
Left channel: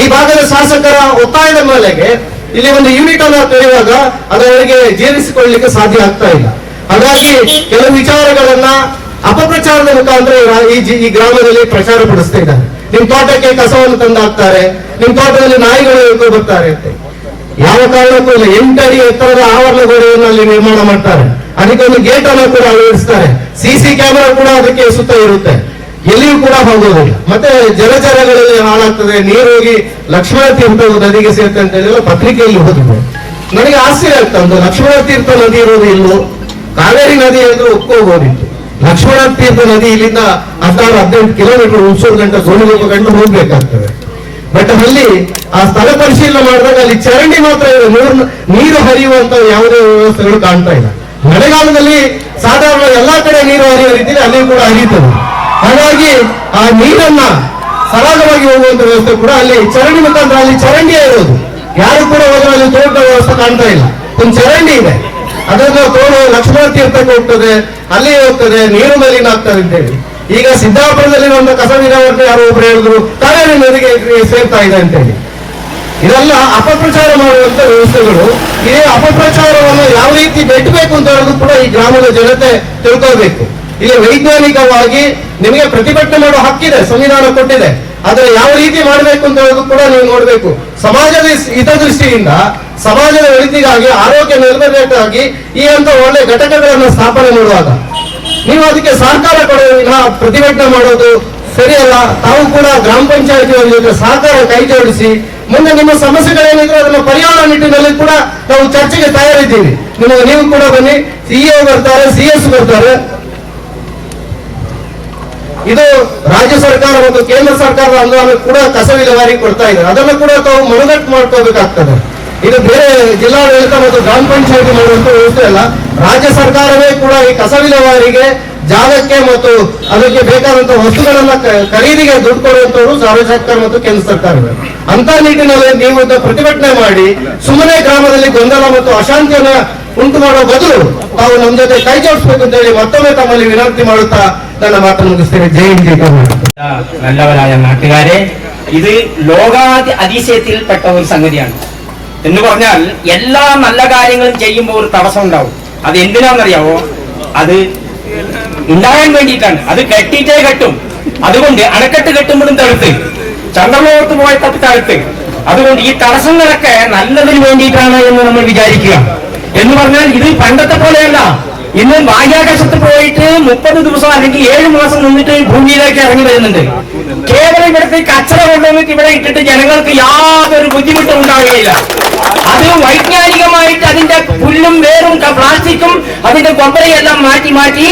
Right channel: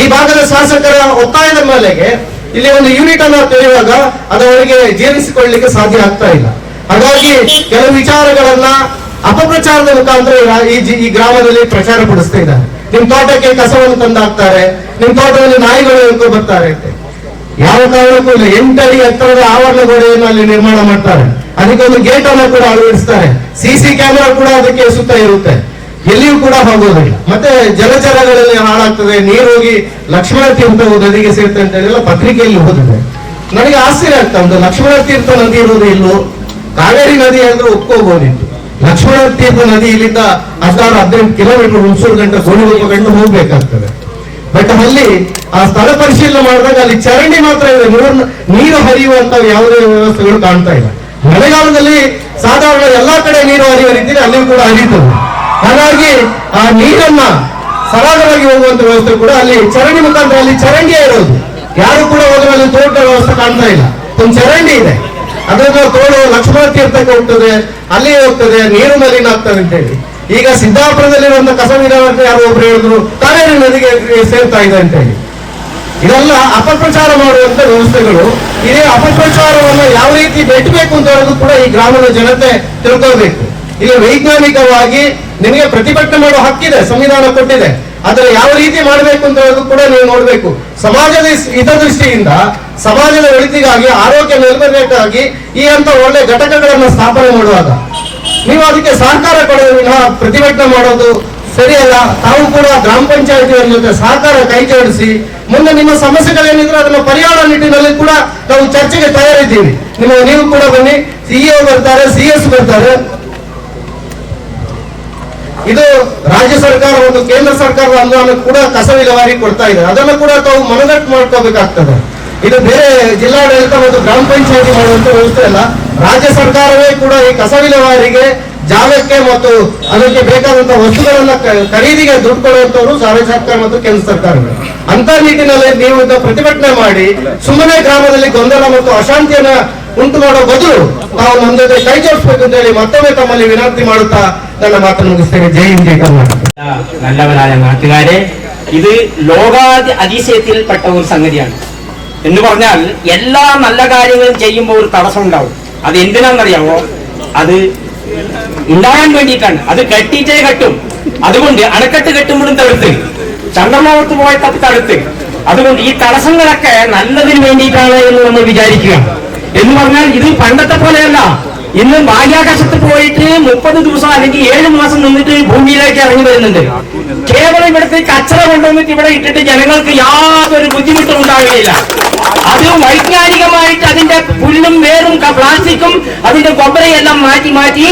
ಈ ಭಾಗದ ಶಾಸಕರ ಒತ್ತಾಯದ ಮೇಲೆಗೆ ಇಲ್ಲಿ ಒಂದು ಯೂನಿಟ್ ಅನ್ನ ತೆರೆಯುವಾಗ ಅದವರಿಗೆ ಜೀರ್ಣಿಸಿಕೊಳ್ಳಲಿಕ್ಕೆ ಸಾಧ್ಯ ಆಗ್ತಾ ಇಲ್ಲ. ಹಾಗಾಗಿ ಕೆಲವು ವಿಚಾರಗಳನ್ನ ಅಪಪ್ರಚಾರದ ಮುಖಾಂತರ ಈ ಈ ಗ್ರಾಮದಲ್ಲಿ ಪ್ರಚಾರ ಪಡಿಸ್ತಾ ಇದ್ದಾರೆ. ನಿಮ್ ತೋಟಕ್ಕೆ ಕಸವನ್ನು ತಂದಾಕ್ತಾರೆ, ನಿಮ್ ತೋಟದಲ್ಲಿ ನಾಯಿಗಳು ಇಟ್ಕೊಂಡು ಬರ್ತಾರೆ ಅಂತ. ಯಾವ ಕಾರಣಕ್ಕೂ ಇಲ್ಲ. ಎಂಟಡಿ ಎತ್ತರದ ಆವರಣ ಗೋಡೆಯನ್ನು ಅಲ್ಲಿ ನಿರ್ಮಾಣ ಮಾಡ್ತಾರೆ. ಅದಕ್ಕೆ ಒಂದು ಗೇಟ್ ಅನ್ನು ಕೂಡ ಅಳವಡಿಸ್ತಾರೆ. ಸಿಸಿ ಕ್ಯಾಮೆರಾ ಕೂಡ ಅದಕ್ಕೆ ಸುತ್ತ ಇರುತ್ತೆ. ಎಲ್ಲಿಯೂ ಕೂಡ ಹೋಗೋದಿಲ್ಲ ಮತ್ತೆ ಜಲಚರಗಳಲ್ಲಿ ಹಾಳಾಗ್ತದೆ, ನೀರು ಹೋಗಿ ಲಕ್ಷ್ಮಣ ತೀರ್ಥ ನದಿಗೆ ಸೇರ್ತದೆ ಅಂತ ಹೇಳಿಲ್ಲ ಪತ್ರಿಕೆಯಲ್ಲಿ ಓದಿದೆ. ನನಗೆ ಆಶ್ಚರ್ಯ ಆಗ್ತಾ ಒಂದು ಲಕ್ಷ್ಮಣ ತೀರ್ಥ ನದಿ ಇರೋದು ಇಲ್ಲೋ ಕಾವೇರಿ ನದಿ ಅಂದ್ರೆ ಒಪ್ಕೋಬಹುದಿತ್ತು. ಲಕ್ಷ್ಮಣ ತೀರ್ಥ ನದಿ ಇಲ್ಲಿಂದ ಹದಿನಾರು, ಹದಿನೆಂಟು ಕಿಲೋಮೀಟರ್ ಹುಣಸೂರು ಗಂಟೆ ಗೋಣಿಗೊಬ್ಬ ಗಂಟೆ ಹೋಗ್ಬೇಕಾಗ್ತದೆ. ಬಟ್ ಅಲ್ಲಿ ಆ ಸ್ಥಳ ಪರಿಶೀಲನೆ ಮಾಡಿದಾಗ ಅಲ್ಲಿ ಚರಂಡಿ ಮಾತ್ರ ಇದೆ ನೀರು ಹರಿಯುವಂತ ಯಾವುದೇ ವ್ಯವಸ್ಥೆಗಳು ಕಾಣ್ತಾ ಇಲ್ಲ. ಮಳೆಗಾಲದಲ್ಲಿ ಸಾಧಾರಣ ಎಲ್ಲಾ ಕಡೆ ನೀರು ಹರಿಯುವ ರೀತಿಯಲ್ಲಿ ಅಲ್ಲಿಯೂ ಕೂಡ ಹರಿಯುತ್ತದೆ. ಹಾಗಾಗಿ ಆ ನೀರನ್ನ ಸರಾಗವಾಗಿ ಹೋಗುವಂತ ವ್ಯವಸ್ಥೆ ಕೂಡ ಅಲ್ಲಿ ಚರಂಡಿ ಮುಖಾಂತರ ಅಲ್ಲಿ ಚರಂಡಿಯೇ ಇರೋದು. ಯಾರು ಕೂಡ ಹೋದ್ರೆ ಅಲ್ಲಿ ತೋಟ ವ್ಯವಸ್ಥೆ ಕಾಣ್ತಾ ಇಲ್ಲ. ಒಂದು ಚರಂಡಿ ಇದೆ. ಅದನ್ನು ತೋಡು ಲಕ್ಷ್ಮಣ ತೀರ್ಥಕ್ಕೆ ಹೋಗ್ತದೆ ಅಲ್ಲಿ ಹೋಗ್ತದೆ, ನೀರು ಮಲಿನ ಆಗ್ತದೆ ಅಂತೇಳಿ. ಈಗ ಸಿದ್ದಾಪುರದಲ್ಲಿ ಒಂದು ಕಸ ವಿಧಾನ ಯಾರು ಒಬ್ರು ಹೇಳಿದ್ರು ಕಾವೇರಿ ನದಿಗೆ ಸೇರ್ತಾ ಇದೆ ಅಂತೇಳಿ. ಇದೆಲ್ಲ ಅಪಪ್ರಚಾರ ಮಾಡುವಂತ ವ್ಯವಸ್ಥೆಗಳು. ಇದೇ ಅಪಪ್ರಚಾರವನ್ನು ಯಾವ ರೀತಿ ಬೆಟ್ಟಬೇಕು ಅಂತ ಕೂಡ ಈ ಗ್ರಾಮದ ಜನತೆ ತಿಳ್ಕೋಬೇಕು ಇಲ್ಲಿ ವೈಜ್ಞಾನಿಕವಾಗಿ ನಿಮಗೆ ಪ್ರತಿಭಟನೆ ಮಾಡೋ ಹಕ್ಕಿದೆ, ಸಂವಿಧಾನ ಕೊಟ್ಟಿದೆ. ಆದರೆ ಯಾವ ರೀತಿ ಮಾಡಬೇಕು ಅಂತ ಕೂಡ ನೀವು ನೋಡ್ಬೇಕು. ಸಮಾಜದ ಹಿತದೃಷ್ಟಿಯಿಂದ ಸಮಾಜದ ಒಳಿತಿಗಾಗಿ, ಆರೋಗ್ಯ ನಿರ್ವಹಣೆಗಾಗಿ ಈ ಅಂತ ಒಳ್ಳೆ ಘಟಕಗಳನ್ನು ಸ್ಥಾಪನೆ ಮಾಡುವಾಗ ನೀವು ಅದಕ್ಕೆ ಸಹಕಾರ ಕೊಡೋದು ವಿನಃ ಪ್ರತಿಭಟನೆ ಮಾಡೋದು ಸರಿಯಲ್ಲ. ತಾವು ಕೂಡ ಗ್ರಾಮ ಪಂಚಾಯತಿಯವರ ಜೊತೆ ಸಹಕಾರ ಕೈ ಜೋಡಿಸಿ, ಮುಂದೆ ನಿಮ್ಮ ಸಮಸ್ಯೆಗಳೇನಿದ್ರು ಅದನ್ನ ಪರಿಹಾರ ನಿಟ್ಟಿನಲ್ಲಿ ಕೂಡ ನಾವು ಚರ್ಚೆಗೆ ತಯಾರಿದ್ದೀವಿ. ನಿಮ್ಮ ನೀವು ಕೂಡ ಬನ್ನಿ. ಸಿಎ ಬರ್ತಾರೆ, ಸಿ ಬರ್ತಾರೆ. ಇದು ರಾಜ್ಯ ಸರ್ಕಾರ ಮತ್ತು ಕೇಂದ್ರ ಸರ್ಕಾರದ ಅನುದಾನ ಕೂಡ ಕಸ ವಿಲೇವಾರಿ ಕೊಡ್ತಾ ಇದೆ ಅದನ್ನು ಕೂಡ ತಾವು ಮನದಟ್ಟು ಮಾಡ್ಕೋಬೇಕಾಗ್ತದೆ. ಇದು ಬೇರೆ ಜಿಲ್ಲಾಡಳಿತ ಮತ್ತು ಗ್ರಾಮ ಪಂಚಾಯತಿ ಮಾಡುವಂತ ವ್ಯವಸ್ಥೆ ಅಲ್ಲ. ರಾಜ್ಯ ಸರ್ಕಾರವೇ ಕೂಡ ಈ ಕಸ ವಿಲೇವಾರಿಗೆ ಜಾಗಕ್ಕೆ ಮತ್ತು ಅದಕ್ಕೆ ಬೇಕಾದಂತಹ ವಸ್ತುಗಳನ್ನ ಖರೀದಿಗೆ ದುಡ್ಡು ಕೊಡುವಂತವರು ಸರ್ಕಾರ ಮತ್ತು ಕೇಂದ್ರ ಸರ್ಕಾರವೇ. ಅಂತ ನಿಟ್ಟಿನಲ್ಲಿ ನೀವು ಪ್ರತಿಭಟನೆ ಮಾಡಿ, ಸುಮ್ಮನೆ ಗ್ರಾಮದಲ್ಲಿ ಗೊಂದಲ ಮತ್ತು ಅಶಾಂತಿಯನ್ನ ಉಂಟು ಮಾಡೋ ಬದಲು ತಾವು ನಮ್ಮ ಜೊತೆ ಕೈ ಜೋಡಿಸ್ಬೇಕು ಅಂತ ಹೇಳಿ മൊത്തമേ തമ്മിൽ വിനർത്തി മാടുത്ത ನನ್ನ ಮಾತು ಮುಗಿಸ್ತೇನೆ ಜೈ ಹಿಂದ್ ಜೈ ಕರ್ನಾಟಕ നല്ലവരായ നാട്ടുകാരെ ഇത് ലോകാതി അതിശയത്തിൽപ്പെട്ട ഒരു സംഗതിയാണ് എന്ന് പറഞ്ഞാൽ എല്ലാ നല്ല കാര്യങ്ങളും ചെയ്യുമ്പോൾ ഒരു തടസ്സം ഉണ്ടാവും അത് എന്തിനാണെന്നറിയാമോ അത് ഉണ്ടാകാൻ വേണ്ടിയിട്ടാണ് അത് കെട്ടിയിട്ടേ കെട്ടും അതുകൊണ്ട് അണക്കെട്ട് കെട്ടുമ്പോഴും തടുത്ത് ചന്ദ്രലോകത്ത് പോയത്തൊക്കെ തടുത്ത് അതുകൊണ്ട് ഈ തടസ്സങ്ങളൊക്കെ നല്ലതിന് വേണ്ടിയിട്ടാണ് എന്ന് നമ്മൾ വിചാരിക്കുക എന്ന് പറഞ്ഞാൽ ഇത് പണ്ടത്തെ പോലെയല്ല. ഇന്ന് ബാഹ്യാകാശത്ത് പോയിട്ട് മുപ്പത് ദിവസം അല്ലെങ്കിൽ ഏഴ് മാസം നിന്നിട്ട് ഭൂമിയിലേക്ക് ഇറങ്ങി വരുന്നുണ്ട്. കേവലം ഇവിടുത്തെ കച്ചറ കൊണ്ടുവന്നിട്ട് ഇവിടെ ഇട്ടിട്ട് ജനങ്ങൾക്ക് യാതൊരു ബുദ്ധിമുട്ടും ഉണ്ടാകുകയില്ല അത് വൈജ്ഞാനികമായിട്ട് അതിന്റെ പുല്ലും വേറും പ്ലാസ്റ്റിക്കും അതിന്റെ കൊമ്പരയെല്ലാം മാറ്റി മാറ്റി